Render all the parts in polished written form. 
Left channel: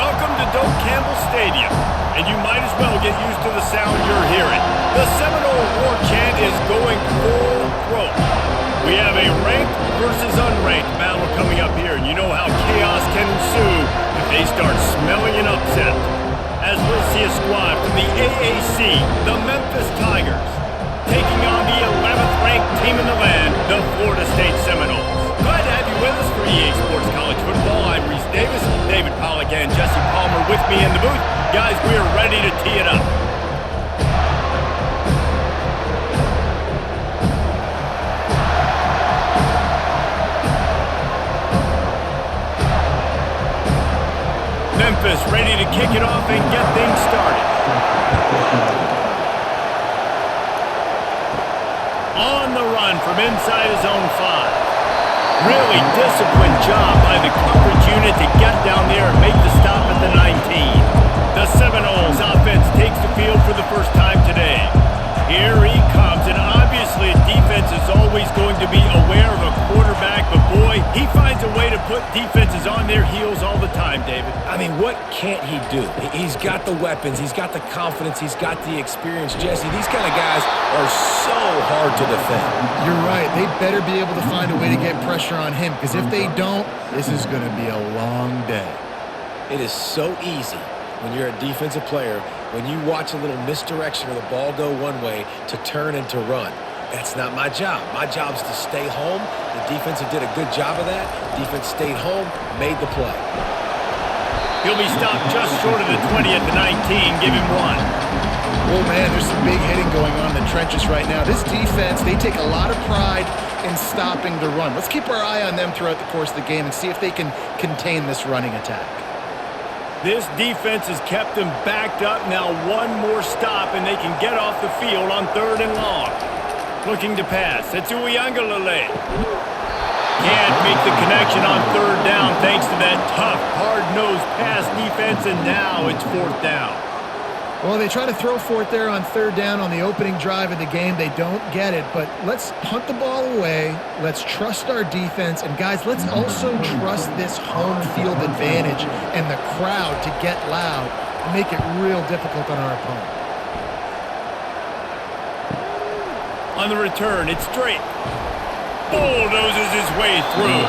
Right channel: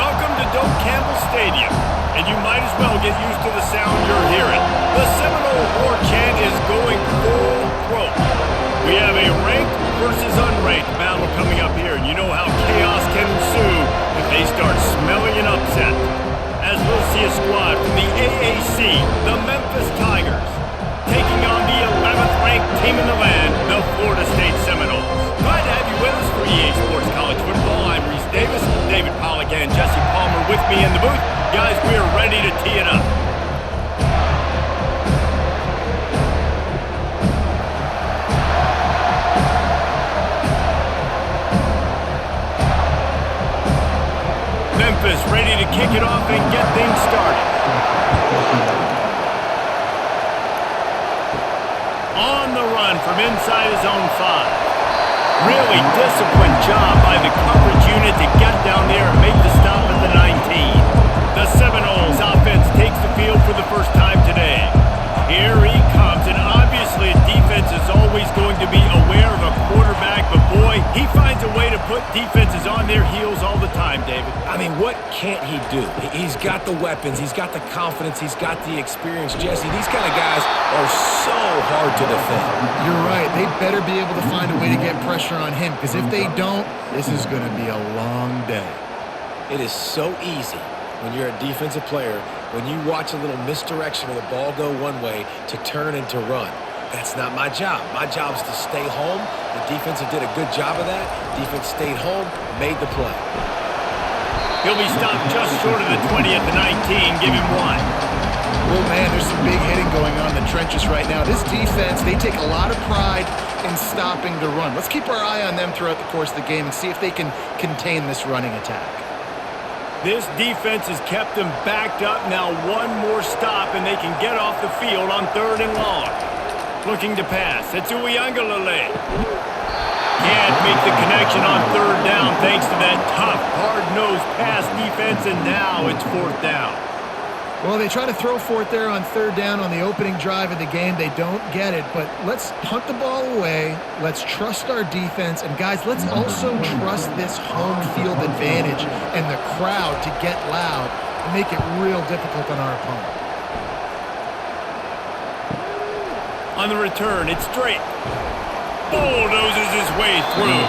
Welcome to Doak Campbell Stadium, and you might as well get used to the sound you're hearing. The Seminole war chant is going full throat. We have a ranked versus unranked battle coming up here, and you know how chaos can ensue if they start smelling an upset. As we'll see a squad from the AAC, the Memphis Tigers, taking on the 11th ranked team in the land, the Florida State Seminoles. Glad to have you with us for EA Sports College Football. I'm Reese Davis, David Pollack and Jesse Palmer with me in the booth. Guys, we're ready to tee it up. Memphis ready to kick it off and get things started. On the run from inside his own 5. Really disciplined job by the coverage unit to get down there and make the stop at the 19. The Seminoles offense takes the field for the first time today. Here he comes, and obviously a defense is always going to be aware of a quarterback, but boy, he finds a way to put defenses on their heels all the time, David. I mean, what can't he do? He's got the weapons, he's got the confidence, he's got the experience. Jesse, these kind of guys are so hard to defend. You're right. They better be able to find a way to get pressure on him, because if they don't, this is going to be a long day. It is so easy when you're a defensive player, when you watch a little misdirection of the ball go one way, to turn and to run. That's not my job. My job is to stay home. The defense did a good job of that. Defense stayed home, made the play. He'll be stopped just short of the 20 at the 19. Give him 1. Well, man, there's some big hitting going on in the trenches right now. This defense, they take a lot of pride in stopping the run. Let's keep our eye on them throughout the course of the game and see if they can contain this running attack. This defense has kept them backed up. Now one more stop, and they can get off the field on 3rd and long. Looking to pass. It's Uyangalele. Can't make the connection on 3rd down thanks to that tough, hard-nosed pass defense, and now it's 4th down. Well, they try to throw for it there on 3rd down on the opening drive of the game. They don't get it, but let's punt the ball away. Let's trust our defense. And, guys, let's also trust this home field advantage and the crowd to get loud and make it real difficult on our opponent. On the return, it's Drake. Bulldozes his way through.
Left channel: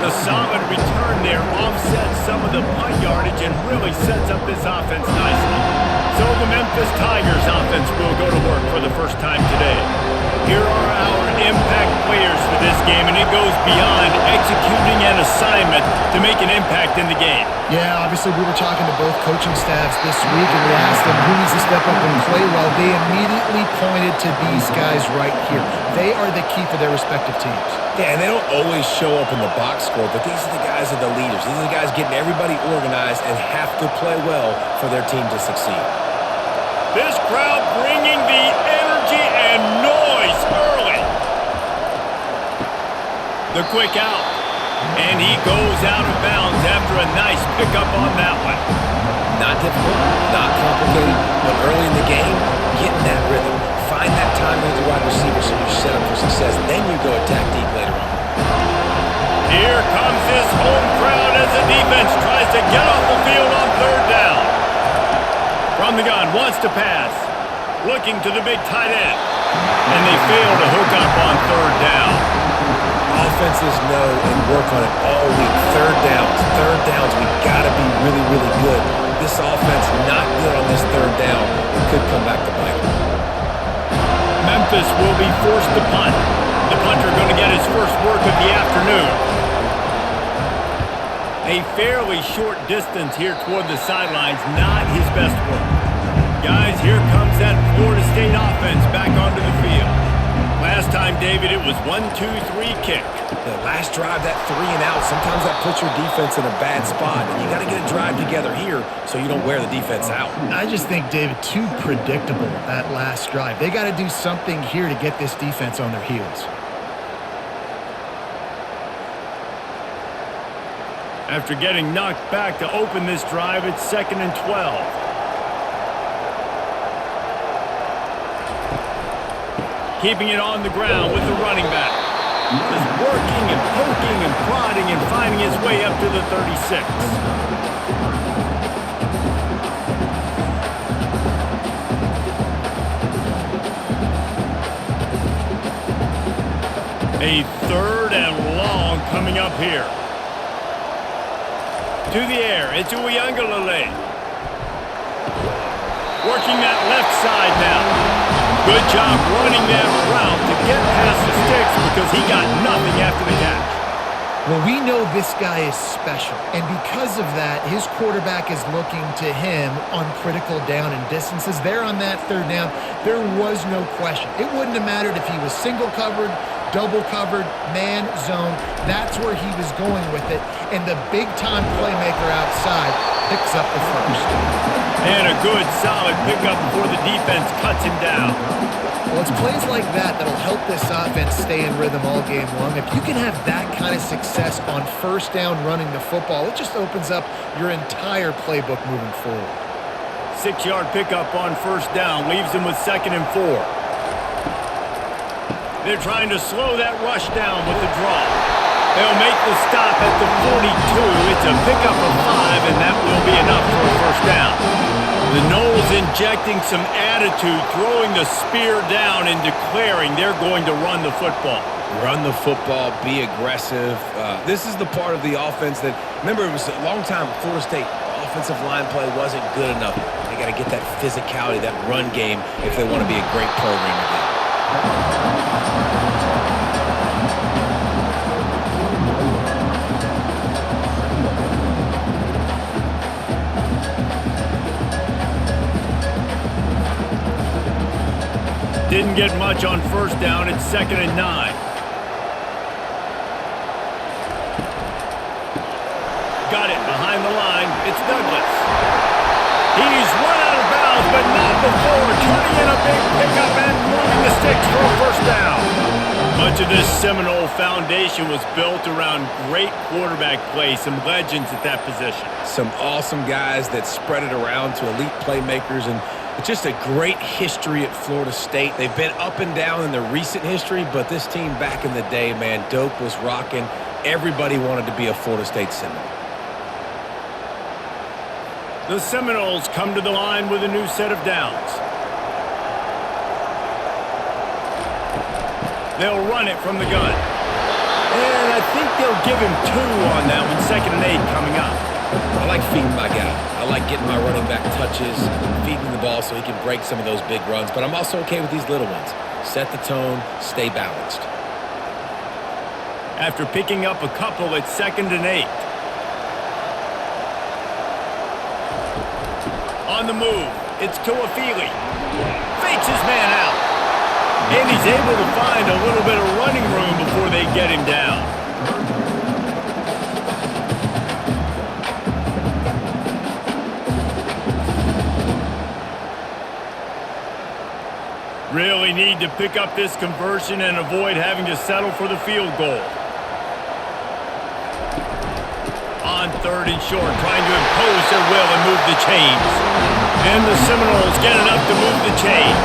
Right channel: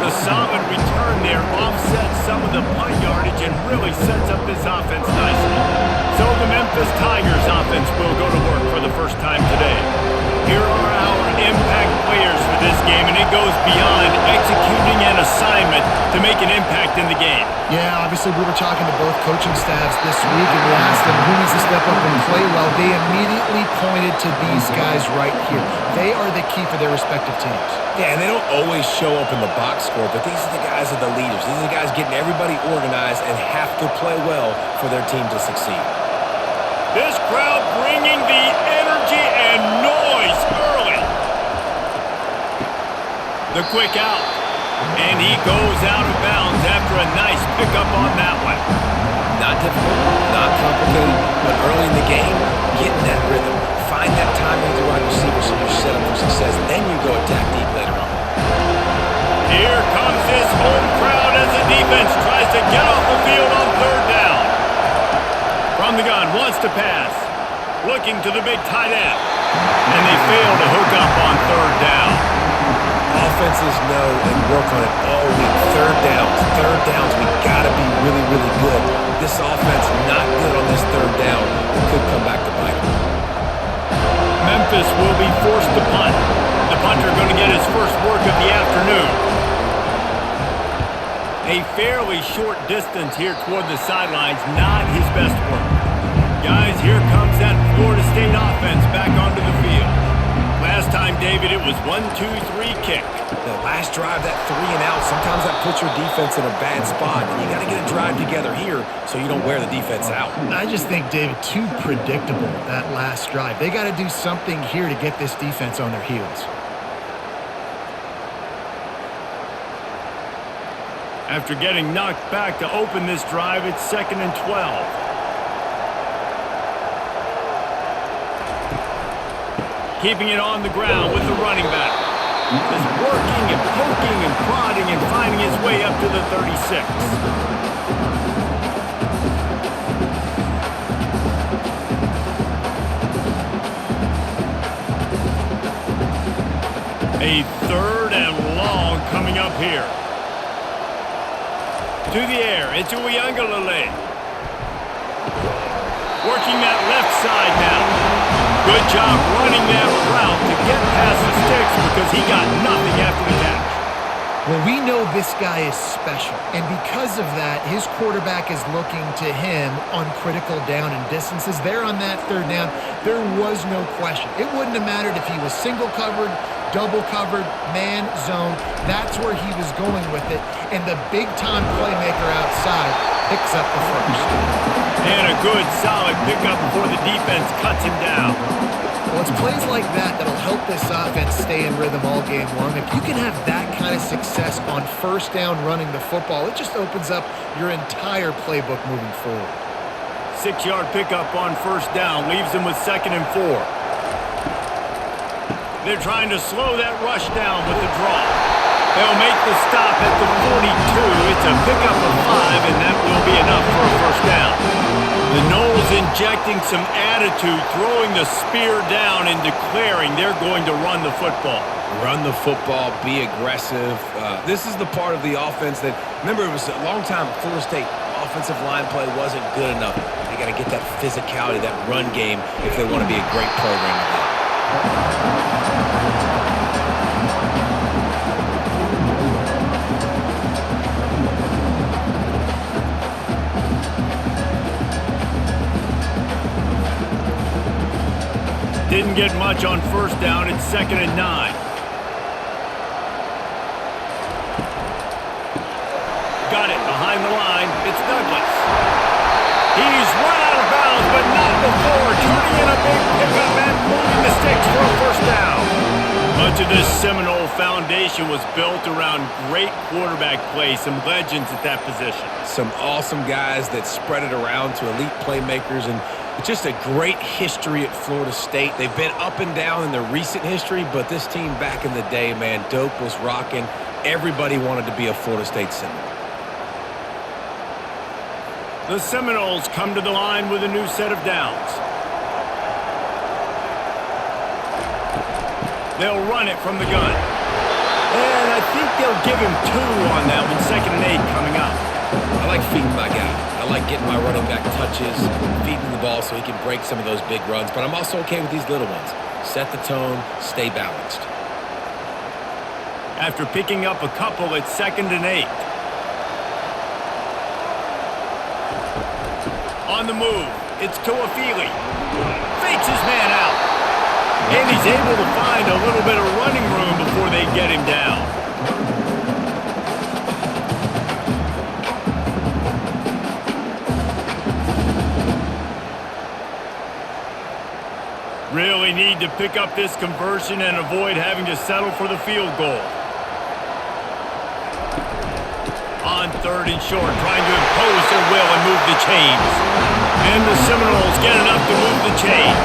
The solid return there offsets some of the punt yardage and really sets up this offense nicely. So the Memphis Tigers offense will go to work for the first time today. Here are our impact players for this game, and it goes beyond executing an assignment to make an impact in the game. Yeah, obviously we were talking to both coaching staffs this week, and we asked them who needs to step up and play well. They immediately pointed to these guys right here. They are the key for their respective teams. Yeah, and they don't always show up in the box score, but these are the guys that are the leaders. These are the guys getting everybody organized and have to play well for their team to succeed. This crowd bringing the energy and noise early. The quick out. And he goes out of bounds after a nice pickup on that one. Not difficult, not complicated, but early in the game, getting that rhythm. Find that timing with your wide receiver so you're set up for success. Then you go attack deep later on. Here comes this home crowd as the defense tries to get off the field on 3rd down. From the gun, wants to pass. Looking to the big tight end. And they fail to hook up on 3rd down. Offenses know and work on it all week. 3rd downs, we got to be really, really good. This offense not good on this 3rd down. It could come back to bite them. Memphis will be forced to punt. The punter going to get his first work of the afternoon. A fairly short distance here toward the sidelines, not his best work. Guys, here comes that Florida State offense back onto the field. Last time, David, it was 1-2-3 kick. The last drive, that 3 and out, sometimes that puts your defense in a bad spot. And you got to get a drive together here so you don't wear the defense out. I just think, David, too predictable, that last drive. They got to do something here to get this defense on their heels. After getting knocked back to open this drive, it's 2nd and 12. Keeping it on the ground with the running back. Just working and poking and prodding and finding his way up to the 36. A 3rd and long coming up here. To the air, it's Uiagalelei. Working that left side now. Good job running that route to get past the sticks because he got nothing after the catch. Well, we know this guy is special, and because of that, his quarterback is looking to him on critical down and distances. There on that 3rd down, there was no question. It wouldn't have mattered if he was single covered, double covered, man, zone. That's where he was going with it, and the big-time playmaker outside picks up the first. And a good, solid pickup before the defense cuts him down. Well, it's plays like that that'll help this offense stay in rhythm all game long. If you can have that kind of success on 1st down running the football, it just opens up your entire playbook moving forward. 6-yard pickup on 1st down leaves him with 2nd and 4. They're trying to slow that rush down with the draw. They'll make the stop at the 42. It's a pickup of 5, and that will be enough for a 1st down. The Noles injecting some attitude, throwing the spear down and declaring they're going to run the football. Run the football, be aggressive. This is the part of the offense that, remember, it was a long time Florida State offensive line play wasn't good enough. They got to get that physicality, that run game if they want to be a great program again. Didn't get much on 1st down. It's 2nd and 9. Got it behind the line. It's Douglas. He's run out of bounds, but not before. Turning in a big pickup and moving the sticks for a 1st down. Much of this Seminole foundation was built around great quarterback play. Some legends at that position. Some awesome guys that spread it around to elite playmakers, and it's just a great history at Florida State. They've been up and down in their recent history, but this team back in the day, man, Doak was rocking. Everybody wanted to be a Florida State Seminole. The Seminoles come to the line with a new set of downs. They'll run it from the gun. And I think they'll give him 2 on that one. 2nd and 8 coming up. I like feeding my guy. I like getting my running back touches, feeding him the ball so he can break some of those big runs. But I'm also okay with these little ones. Set the tone, stay balanced. After picking up a couple, it's 2nd and 8. On the move, it's Tuafili. Fakes his man out. And he's able to find a little bit of running room before they get him down. Really need to pick up this conversion and avoid having to settle for the field goal. On 3rd and short, trying to impose their will and move the chains. And the Seminoles get enough to move the chains.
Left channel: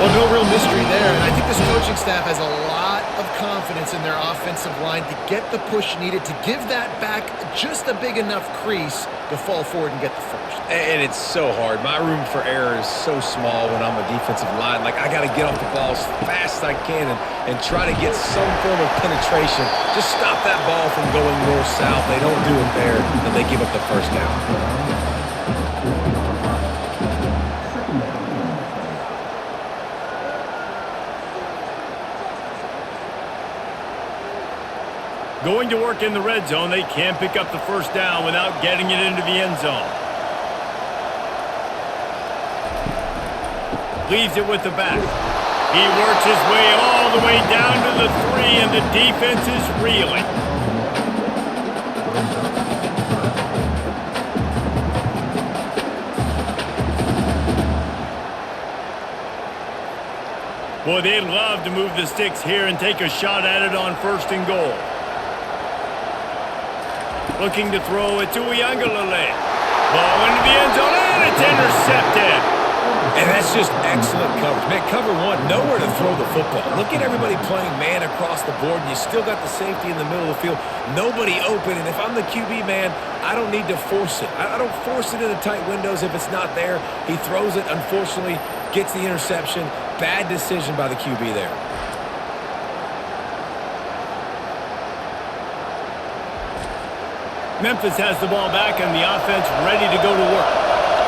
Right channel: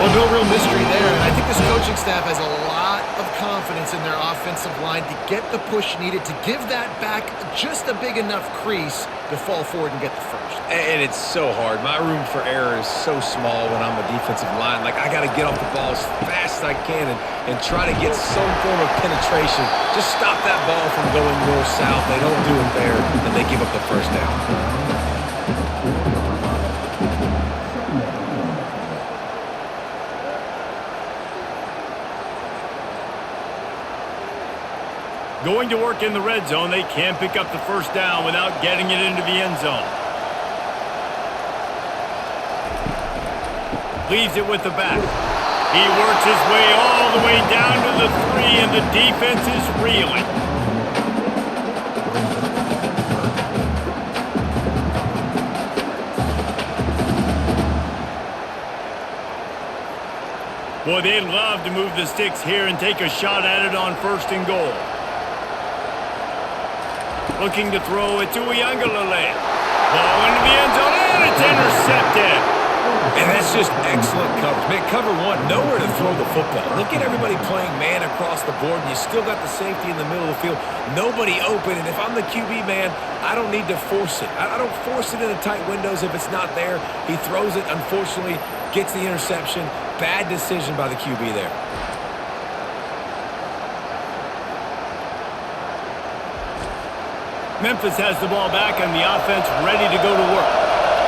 Well, no real mystery there, and I think this coaching staff has a lot of confidence in their offensive line to get the push needed to give that back just a big enough crease to fall forward and get the first. And it's so hard. My room for error is so small when I'm a defensive line. Like, I got to get off the ball as fast as I can and try to get some form of penetration. Just stop that ball from going north-south. They don't do it there, and they give up the 1st down. Going to work in the red zone, they can't pick up the 1st down without getting it into the end zone. Leaves it with the back. He works his way all the way down to the 3, and the defense is reeling. Boy, they'd love to move the sticks here and take a shot at it on 1st and goal. Looking to throw it to Uiagalelei. Ball into the end zone, and it's intercepted. And that's just excellent coverage. Man, cover 1, nowhere to throw the football. Look at everybody playing man across the board, and you still got the safety in the middle of the field. Nobody open, and if I'm the QB, man, I don't need to force it. I don't force it into tight windows if it's not there. He throws it, unfortunately, gets the interception. Bad decision by the QB there. Memphis has the ball back and the offense ready to go to work.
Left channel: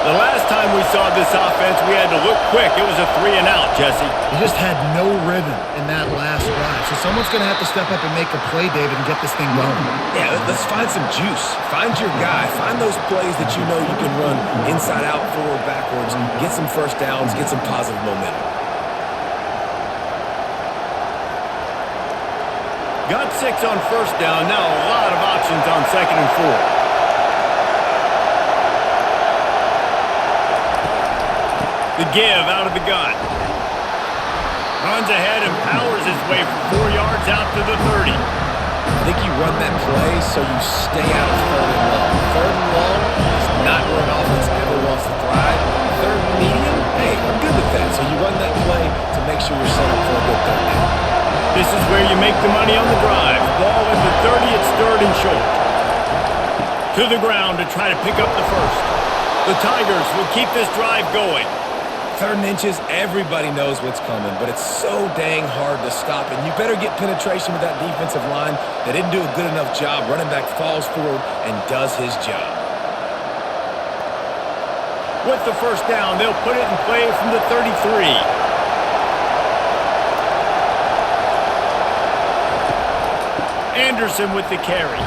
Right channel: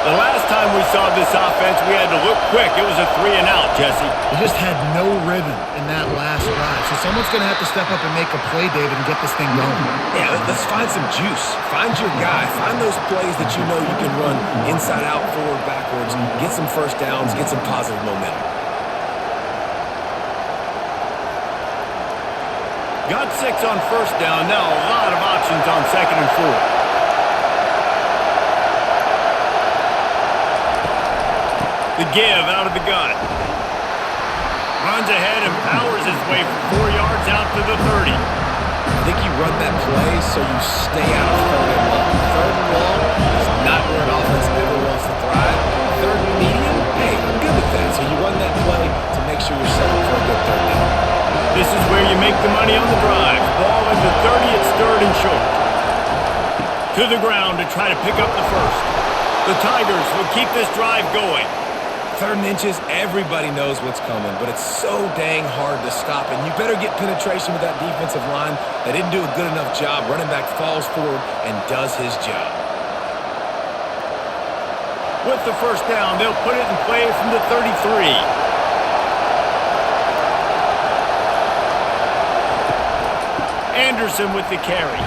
The last time we saw this offense, we had to look quick. It was a 3-and-out, Jesse. He just had no rhythm in that last drive. So someone's going to have to step up and make a play, David, and get this thing going. Yeah, let's find some juice. Find your guy. Find those plays that you know you can run inside out, forward, backwards. Get some first downs. Get some positive momentum. Got 6 on first down. Now a lot of options on 2nd and 4. The give out of the gun. Runs ahead and powers his way for 4 yards out to the 30. I think you run that play so you stay out of 3rd and long. 3rd and long is not where an offense ever wants to thrive. 3rd and medium, hey, I'm good with that. So you run that play to make sure you're set up for a good 3rd down. This is where you make the money on the drive. Ball at the 30, it's 3rd and short. To the ground to try to pick up the first. The Tigers will keep this drive going. 3rd and inches, everybody knows what's coming, but it's so dang hard to stop, and you better get penetration with that defensive line. They didn't do a good enough job. Running back falls forward and does his job. With the first down, they'll put it in play from the 33. Anderson with the carry.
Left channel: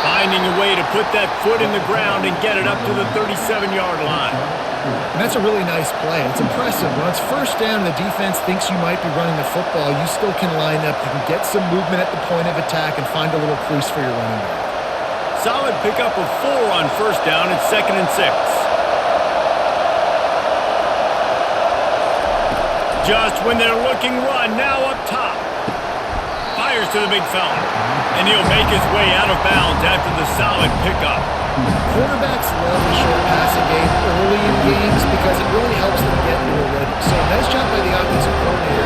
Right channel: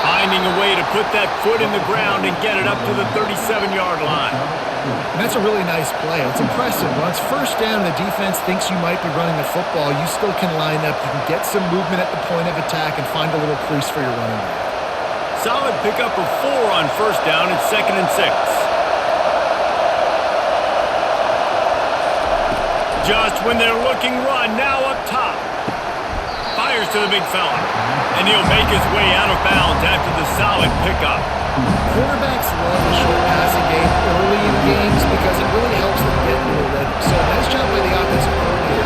Finding a way to put that foot in the ground and get it up to the 37-yard line. And that's a really nice play. It's impressive. When it's first down and the defense thinks you might be running the football, you still can line up. You can get some movement at the point of attack and find a little crease for your running back. Solid pickup of 4 on first down. It's 2nd and 6. Just when they're looking run, now up top. Fires to the big fella. And he'll make his way out of bounds after the solid pickup. Quarterbacks love the short passing game early in games because it really helps them get into a rhythm. So nice job by the offensive coordinator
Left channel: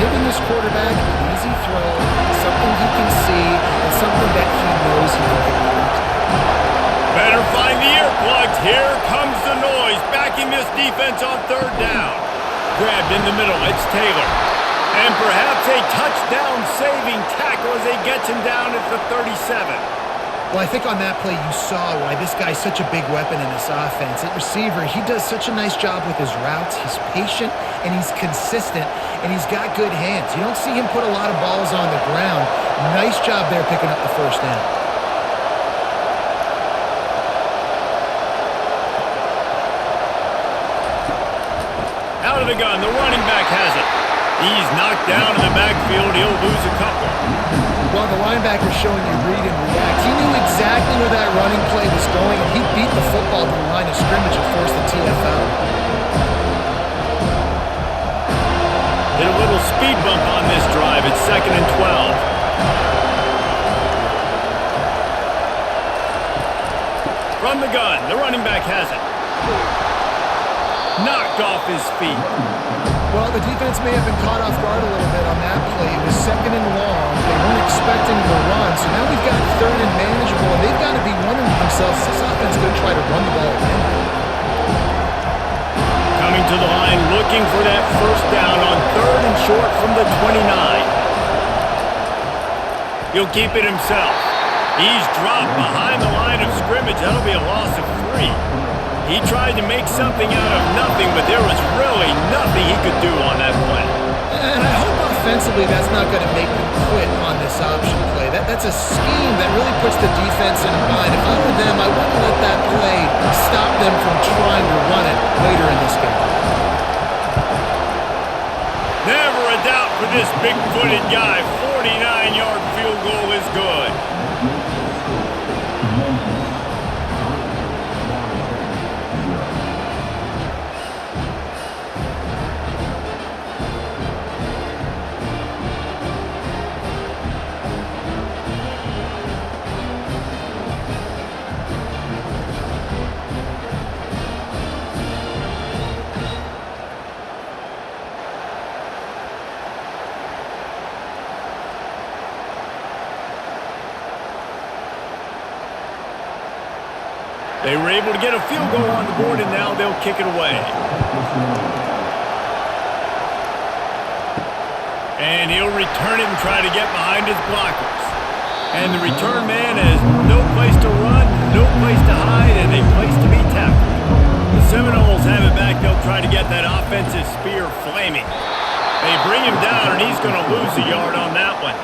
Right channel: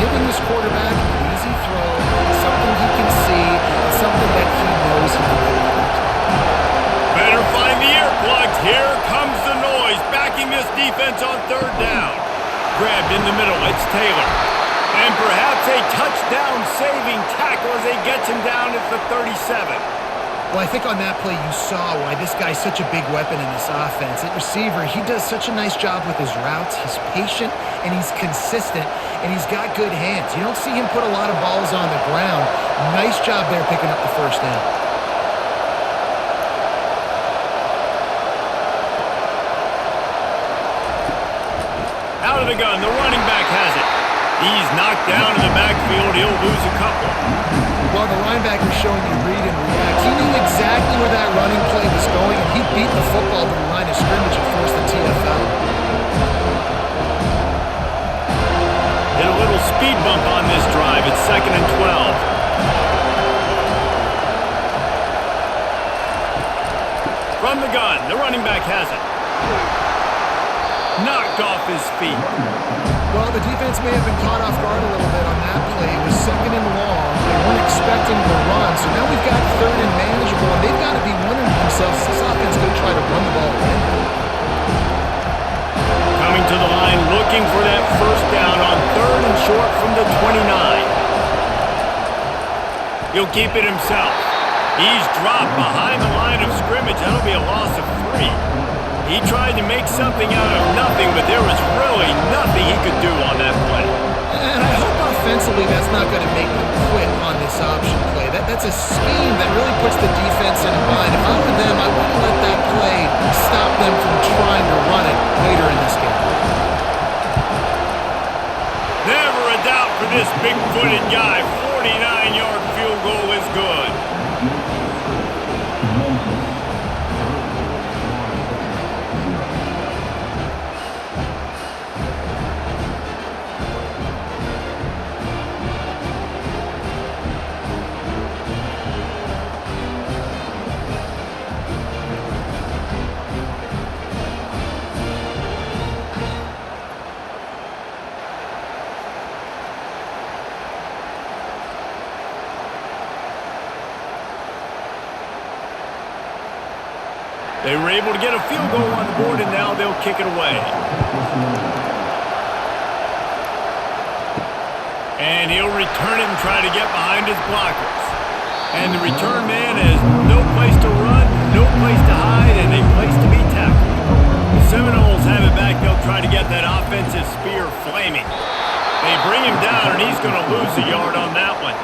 giving his quarterback an easy throw, something he can see, and something that he knows he can complete. Better find the earplugs. Here comes the noise, backing this defense on 3rd down. Grabbed in the middle, it's Taylor. And perhaps a touchdown-saving tackle as he gets him down at the 37. Well, I think on that play you saw why this guy's such a big weapon in this offense. At receiver, he does such a nice job with his routes. He's patient, and he's consistent, and he's got good hands. You don't see him put a lot of balls on the ground. Nice job there picking up the first down. Out of the gun, the running back has it. He's knocked down in the backfield. He'll lose a couple. Well, the linebacker's showing you read and react. He knew exactly where that running play was going, and he beat the football to the line of scrimmage and forced the TFL. Hit a little speed bump on this drive. It's 2nd and 12. From the gun, the running back has it. Knocked off his feet. Well, the defense may have been caught off guard a little bit on that play. It was 2nd and long. They weren't expecting the run. So now we've got 3rd and manageable, and they've got to be wondering to themselves, is this offense going to try to run the ball again? Coming to the line, looking for that first down on 3rd and short from the 29. He'll keep it himself. He's dropped behind the line of scrimmage. That'll be a loss of 3. He tried to make something out of nothing, but there was really nothing he could do on that play. And I hope offensively that's not going to make them quit on this option play. That's a scheme that really puts the defense in a bind. If I were them, I wouldn't let that play stop them from trying to run it later in this game. Never a doubt for this big-footed guy. 49-yard field goal is good. They were able to get a field goal on the board, and now they'll kick it away. And he'll return it and try to get behind his blockers. And the return man has no place to run. no place to hide and a place to be tackled. The Seminoles have it back. They'll try to get that offensive spear flaming. They bring him down, and he's going to lose a yard on that one.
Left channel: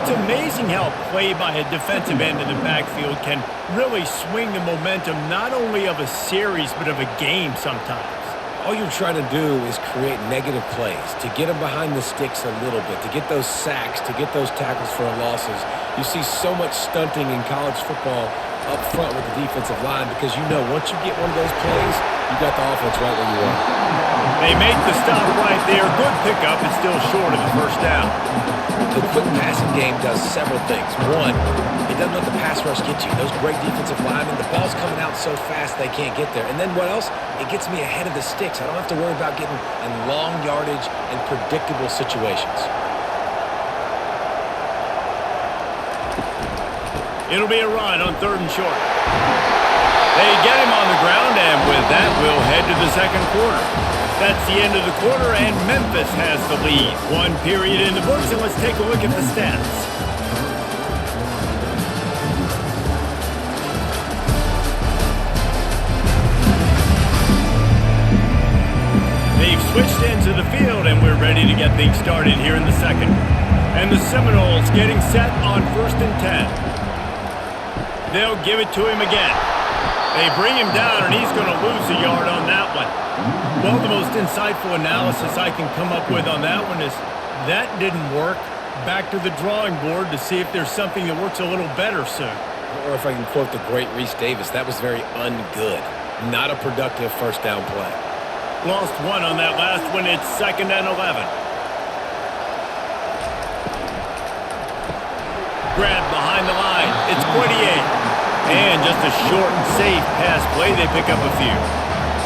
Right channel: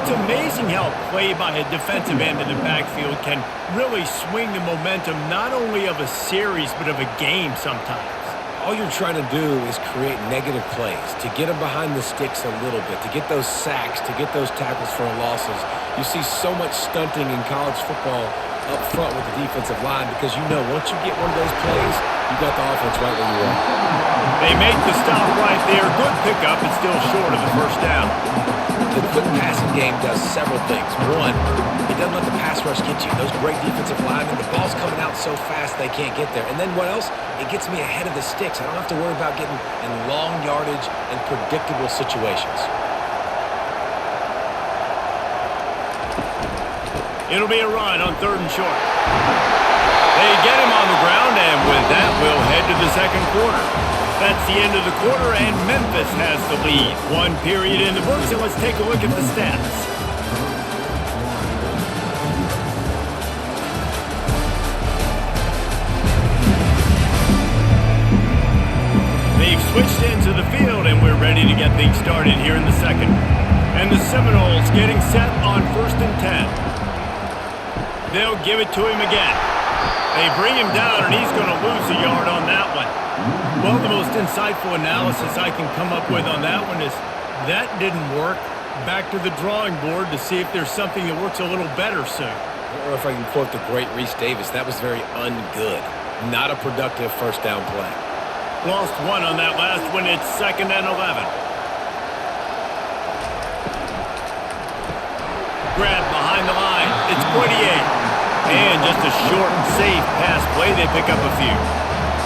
It's amazing how a play by a defensive end in the backfield can really swing the momentum not only of a series but of a game sometimes. All you're trying to do is create negative plays, to get them behind the sticks a little bit, to get those sacks, to get those tackles for losses. You see so much stunting in college football up front with the defensive line because you know once you get one of those plays, you got the offense right where you want. They make the stop right there. Good pickup. It's still short of the first down. The quick passing game does several things. One, it doesn't let the pass rush get you. Those great defensive linemen, the ball's coming out so fast they can't get there. And then what else? It gets me ahead of the sticks. I don't have to worry about getting in long yardage and predictable situations. It'll be a run on 3rd and short. They get him on the ground, and with that, we'll head to the second quarter. That's the end of the quarter, and Memphis has the lead. One period in the books, and let's take a look at the stats. They've switched into the field, and we're ready to get things started here in the second. And the Seminoles getting set on 1st and 10. They'll give it to him again. They bring him down, and he's going to lose a yard on that one. Well, the most insightful analysis I can come up with on that one is that didn't work. Back to the drawing board to see if there's something that works a little better soon. Or if I can quote the great Reese Davis, that was very ungood. Not a productive first down play. Lost one on that last one. It's 2nd and 11. Grab behind the line. It's Poitier. And just a short and safe pass play. They pick up a few.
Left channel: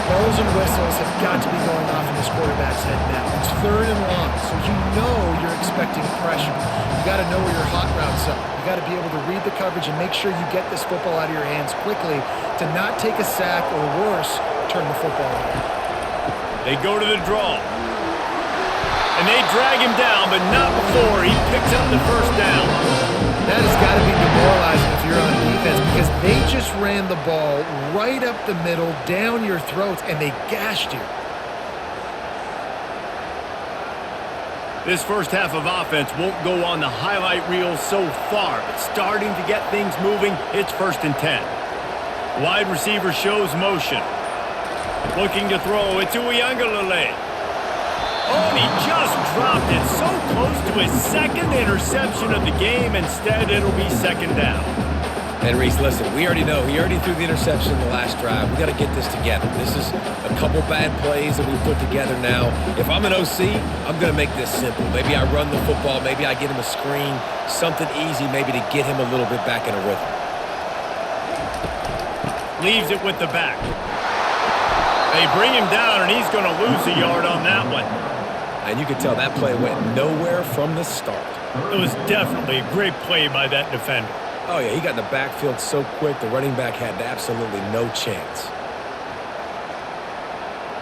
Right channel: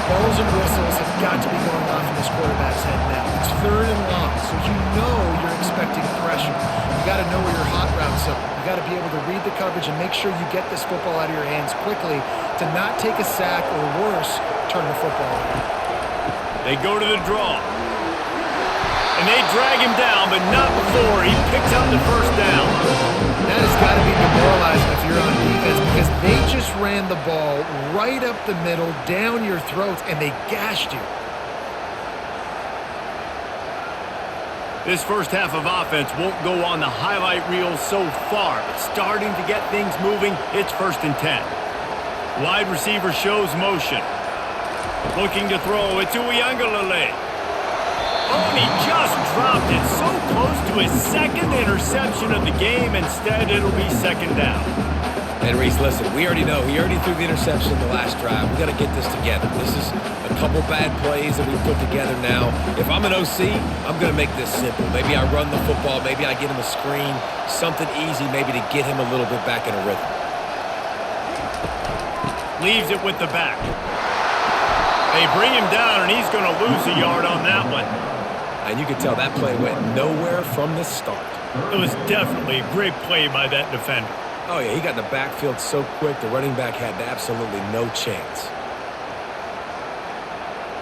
Bells and whistles have got to be going off in this quarterback's head now. It's 3rd and long, so you know you're expecting pressure. You got to know where your hot routes are. You got to be able to read the coverage and make sure you get this football out of your hands quickly to not take a sack or worse, turn the football over. They go to the draw. And they drag him down, but not before he picks up the first down. That has got to be demoralizing if you're on defense because they just ran the ball right up the middle, down your throats, and they gashed you. This first half of offense won't go on the highlight reel so far, but starting to get things moving, it's 1st and 10. Wide receiver shows motion. Looking to throw, it's Uiagalelei. Oh, and he just dropped it so close to his 2nd interception of the game. Instead, it'll be 2nd down. And Reese, listen, we already know. He already threw the interception in the last drive. We got to get this together. This is a couple bad plays that we put together now. If I'm an OC, I'm going to make this simple. Maybe I run the football. Maybe I get him a screen. Something easy maybe to get him a little bit back in a rhythm. Leaves it with the back. They bring him down, and he's going to lose a yard on that one. And you could tell that play went nowhere from the start. It was definitely a great play by that defender. Oh, yeah, he got in the backfield so quick, the running back had absolutely no chance.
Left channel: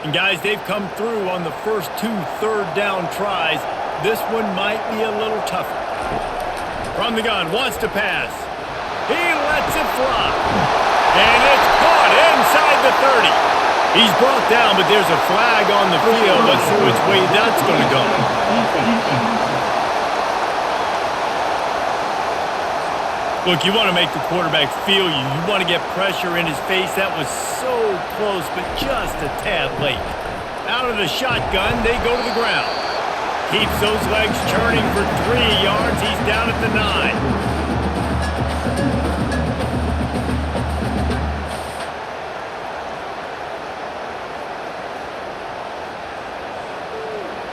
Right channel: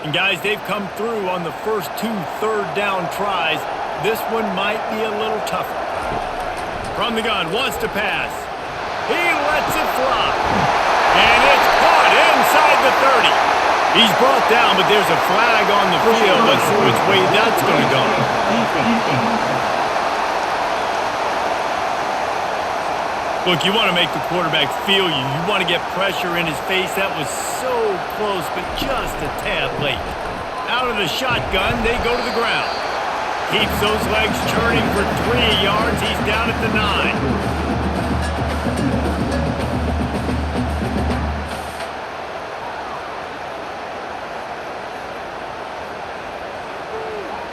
And, guys, they've come through on the first 2 3rd down tries. This one might be a little tougher. From the gun, wants to pass. He lets it fly. And it's caught inside the 30. He's brought down, but there's a flag on the field. Let's see which way that's going to go. Look, you want to make the quarterback feel you. You want to get pressure in his face. That was so close, but just a tad late. Out of the shotgun, they go to the ground. Keeps those legs churning for 3 yards. He's down at the 9.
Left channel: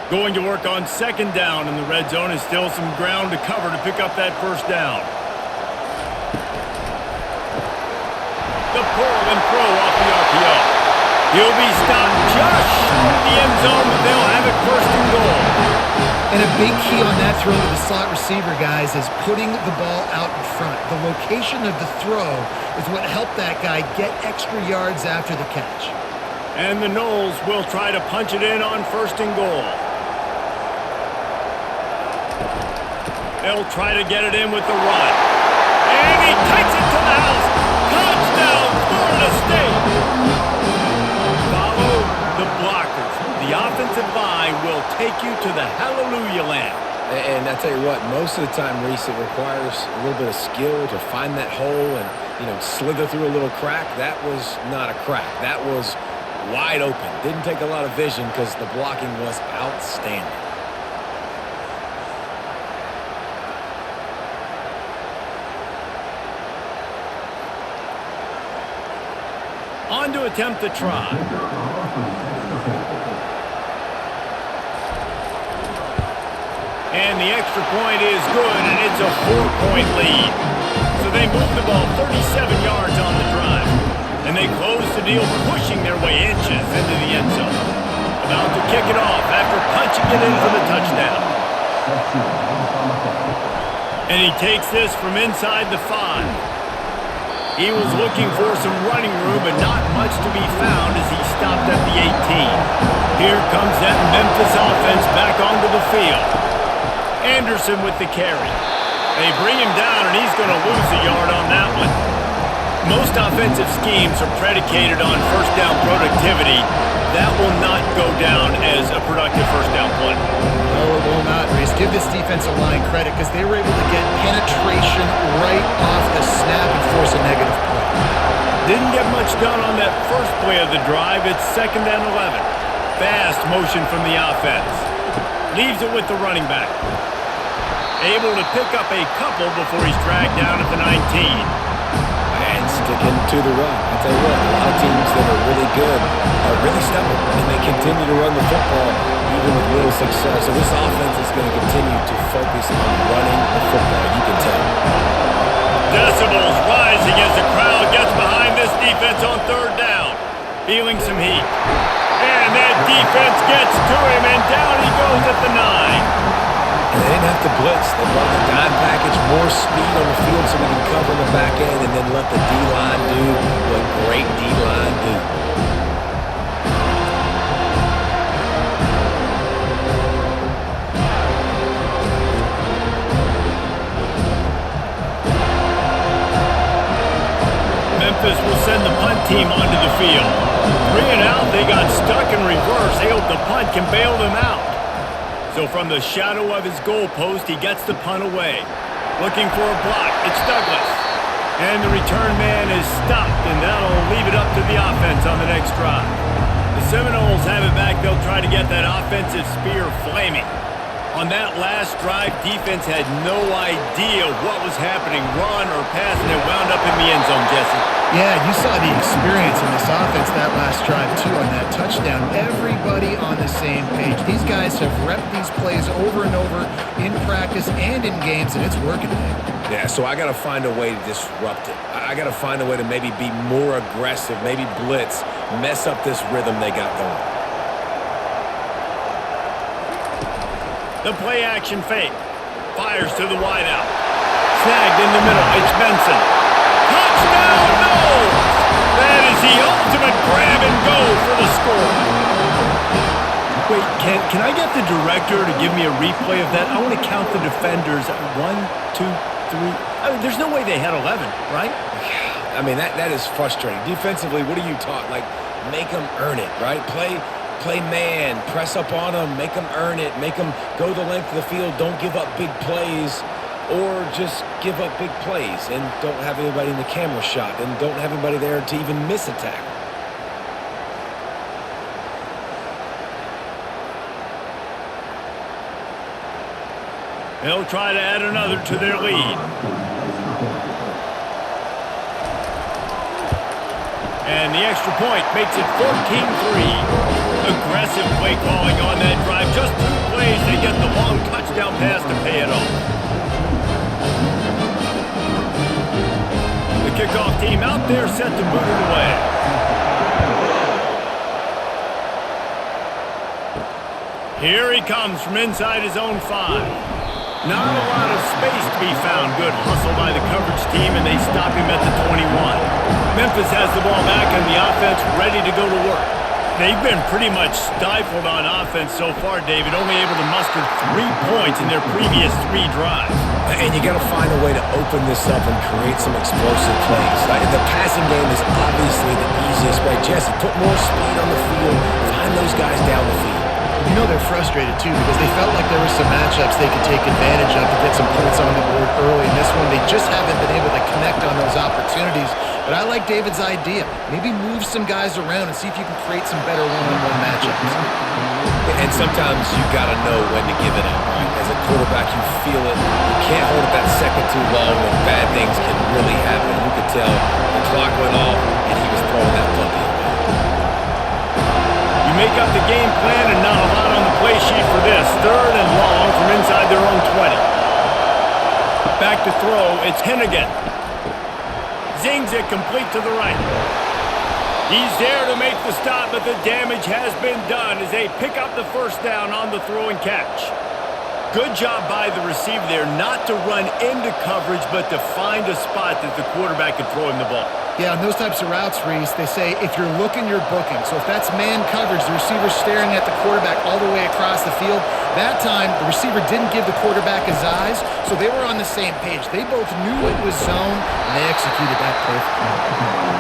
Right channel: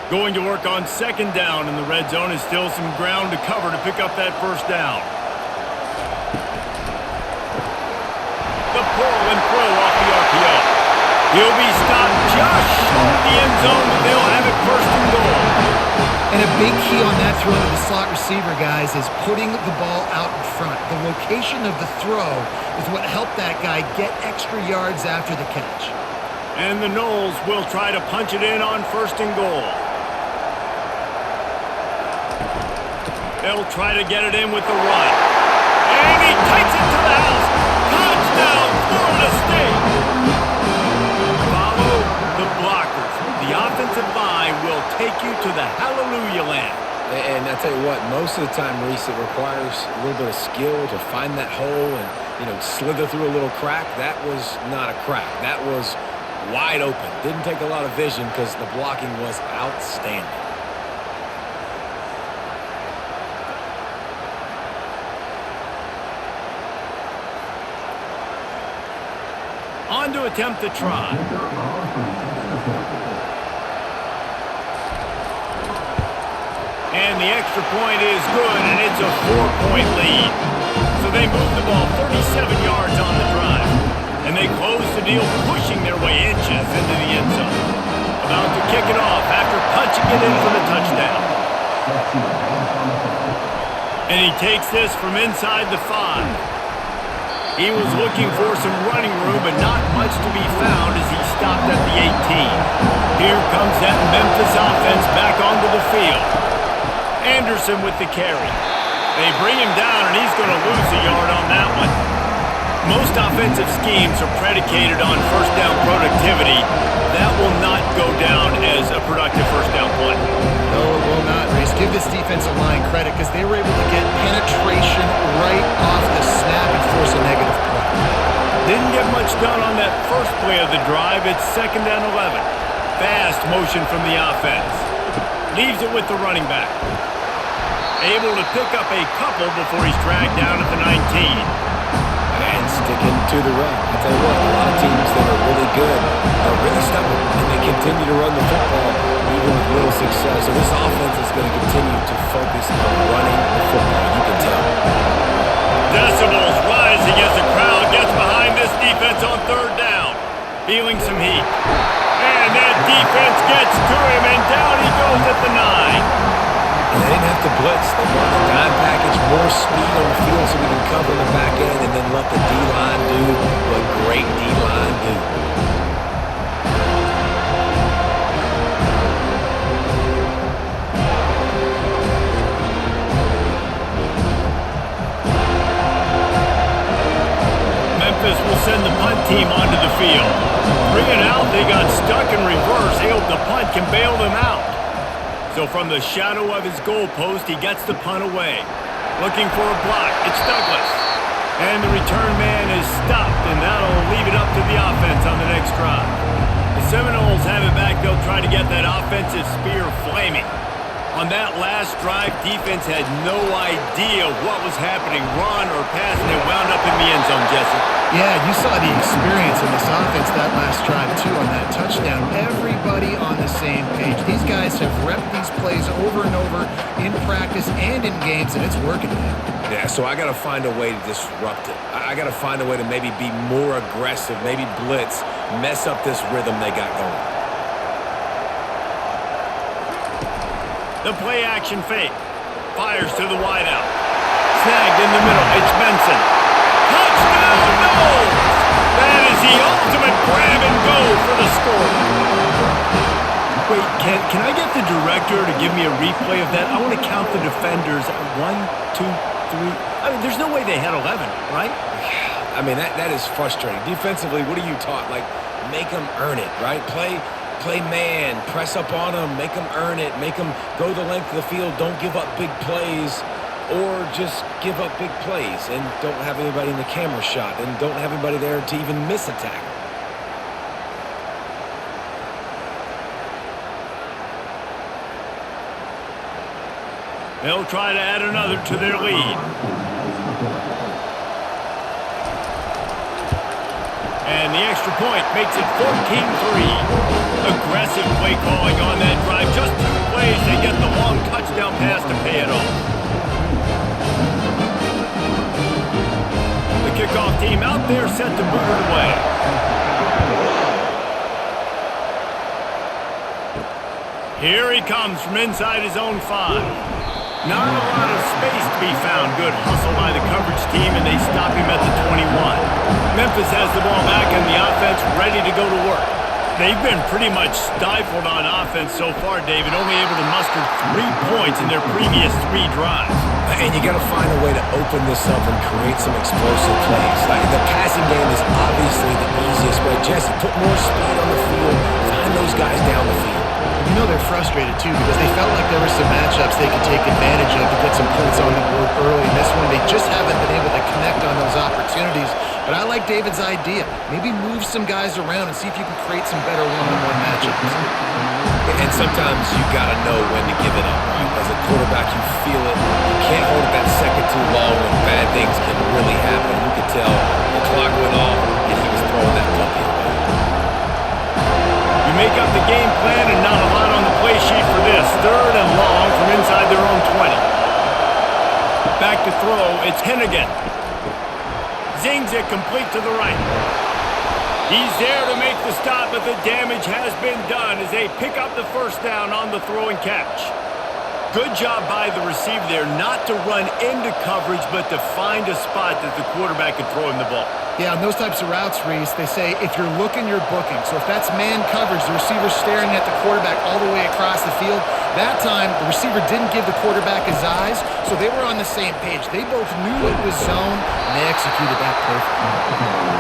Going to work on 2nd down in the red zone. Is still some ground to cover to pick up that first down. The pull and throw off the RPO. He'll be stopped just short of the end zone, but they'll have it 1st and goal. And a big key on that throw to the slot receiver, guys, is putting the ball out in front. The location of the throw is what helped that guy get extra yards after the catch. And the Noles will try to punch it in on 1st and goal. They'll try to get it in with the run. And he takes it to the house. Touchdown! offensive line will take you to the hallelujah land. And I tell you what, most of the time, Reese, it requires a little bit of skill to find that hole and, slither through a little crack. That was not a crack. That was wide open. Didn't take a lot of vision because the blocking was outstanding. On to attempt the try. And the extra point is good, and it's a 4-point lead. So they move the ball 37 yards on the drive. And they close the deal, pushing their way inches into the end zone. About to kick it off after punching it in for the touchdown. And he takes this from inside the 5. He was looking for some running room, but not much to be found as he stopped at the 18. Here comes that Memphis offense back onto the field. Anderson with the carry. They bring him down, and he's going to lose a yard on that one. Most offensive schemes are predicated on first down productivity. That will not go down as a productive first down play. No, it will not, Reese. Give this defensive line credit because they were able to get penetration right off the snap and force a negative play. Didn't get much done on that first play of the drive. It's 2nd and 11. Fast motion from the offense. Leaves it with the running back. Able to pick up a couple before he's dragged down at the 19. And sticking to the run. I'll tell you what, a lot of teams that are really good are really stubborn, and they continue to run the football even with little success. So this offense is going to continue to focus on running the football, you can tell. Decibels rising as the crowd gets behind this defense on 3rd down. Feeling some heat. And that defense gets to him, and down he goes at the 9. And they didn't have to blitz. They brought in the dime package, more speed on the field so we can cover in the back end and then let the D-line do what great D-line do. Memphis will send the punt team onto the field. 3 and out, they got stuck in reverse. They hope the punt can bail them out. So from the shadow of his goalpost, he gets the punt away. Looking for a block. It's Douglas. And the return man is stopped, and that'll leave it up to the offense on the next drive. The Seminoles have it back. They'll try to get that offensive spear flaming. On that last drive, defense had no idea what was happening, run or pass, and it wound up in the end zone, Jesse. Yeah, you saw the experience in this offense that last drive, too, on that touchdown. Everybody on the same page. These guys have repped these plays over and over in practice and in games, and it's working, man. Yeah, so I got to find a way to disrupt it. I got to find a way to maybe be more aggressive, maybe blitz, mess up this rhythm they got going. The play-action fake. Fires to the wideout. Snagged in the middle. It's Benson. Touchdown, Knowles! That is the ultimate grab and go for the score. Wait, can I get the director to give me a replay of that? I want to count the defenders. 1, 2, 3. I mean, there's no way they had 11, right? I mean, that is frustrating. Defensively, what are you taught? Like, make them earn it, right? Play man, press up on them, make them earn it, make them go the length of the field, don't give up big plays, or just give up big plays and don't have anybody in the camera shot and don't have anybody there to even miss a tackle. They'll try to add another to their lead. And the extra point makes it 14-3. Aggressive play calling on that drive. Just 2 plays, they get the long touchdown pass to pay it off. The kickoff team out there set to boot it away. Here he comes from inside his own 5. Not a lot of space to be found. Good hustle by the coverage team, and they stop him at the 21. Memphis has the ball back, and the offense ready to go to work. They've been pretty much stifled on offense so far, David, only able to muster 3 points in their previous 3 drives. And you got to find a way to open this up and create some explosive plays. Like, the passing game is obviously the easiest way. Jesse, put more speed on the field. Find those guys down the field. You know they're frustrated, too, because they felt like there were some matchups they could take advantage of to get some points on the board early. In this one, they just haven't been able to connect on those opportunities. But I like David's idea. Maybe move some guys around and see if you can create some better one-on-one matchups. And sometimes you got to know when to give it up, right? As a quarterback, you feel it. You can't hold it that second too long when bad things can really happen. You could tell the clock went off and he was throwing that puppy away. You make up the game plan and not a lot on the play sheet for this. 3rd and long from inside their own 20. Back to throw, it's Hennigan. Zings it complete to the right. He's there to make the stop, but the damage has been done as they pick up the first down on the throw and catch. Good job by the receiver there not to run into coverage, but to find a spot that the quarterback could throw him the ball. Yeah, on those types of routes, Reese, they say if you're looking, you're booking. So if that's man coverage, the receiver's staring at the quarterback all the way across the field. That time, the receiver didn't give the quarterback his eyes, so they were on the same page. They both knew it was zone, and they executed that perfectly.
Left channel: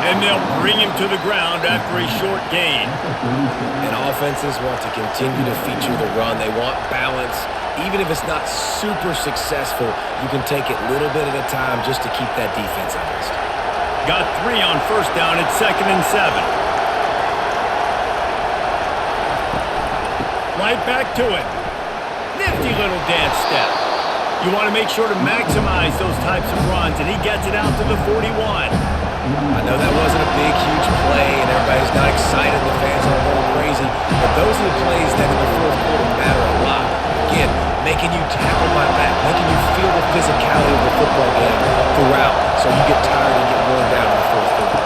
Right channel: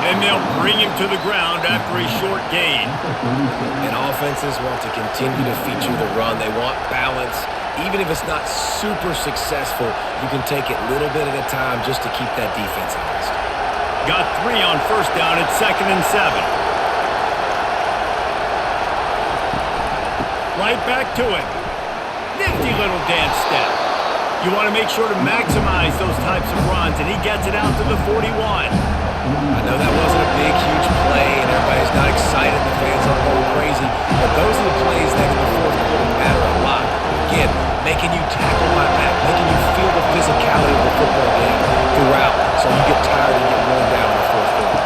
And they'll bring him to the ground after a short gain. And offenses want to continue to feature the run. They want balance. Even if it's not super successful, you can take it little bit at a time just to keep that defense honest. Got 3 on first down. It's 2nd and 7. Right back to it. Nifty little dance step. You want to make sure to maximize those types of runs, and he gets it out to the 41. I know that wasn't a big, huge play, and everybody's not excited. The fans aren't going crazy. But those are the plays that in the fourth quarter matter a lot. Again, making you tackle my back, making you feel the physicality of the football game throughout, so you get tired and get worn down in the fourth quarter.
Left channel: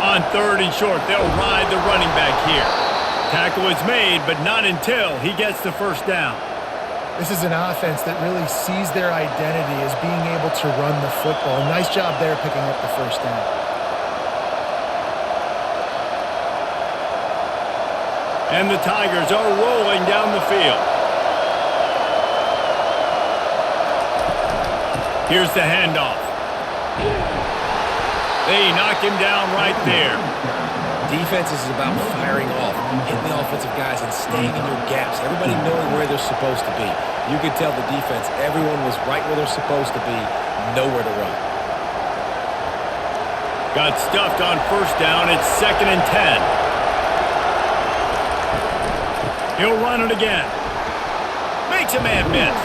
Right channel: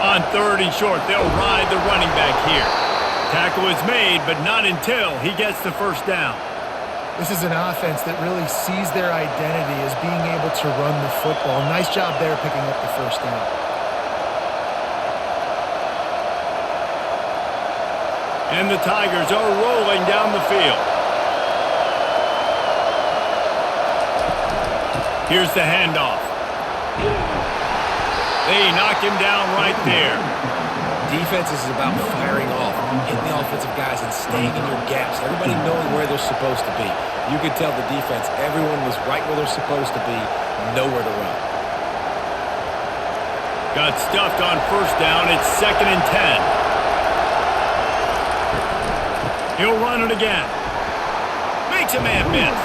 On 3rd and short, they'll ride the running back here. Tackle is made, but not until he gets the first down. This is an offense that really sees their identity as being able to run the football. Nice job there picking up the first down. And the Tigers are rolling down the field. Here's the handoff. They knock him down right there. Defense is about firing off, hitting the offensive guys and staying in your gaps. Everybody knowing where they're supposed to be. You could tell the defense, everyone was right where they're supposed to be, nowhere to run. Got stuffed on first down. It's 2nd and 10. He'll run it again. Makes a man miss.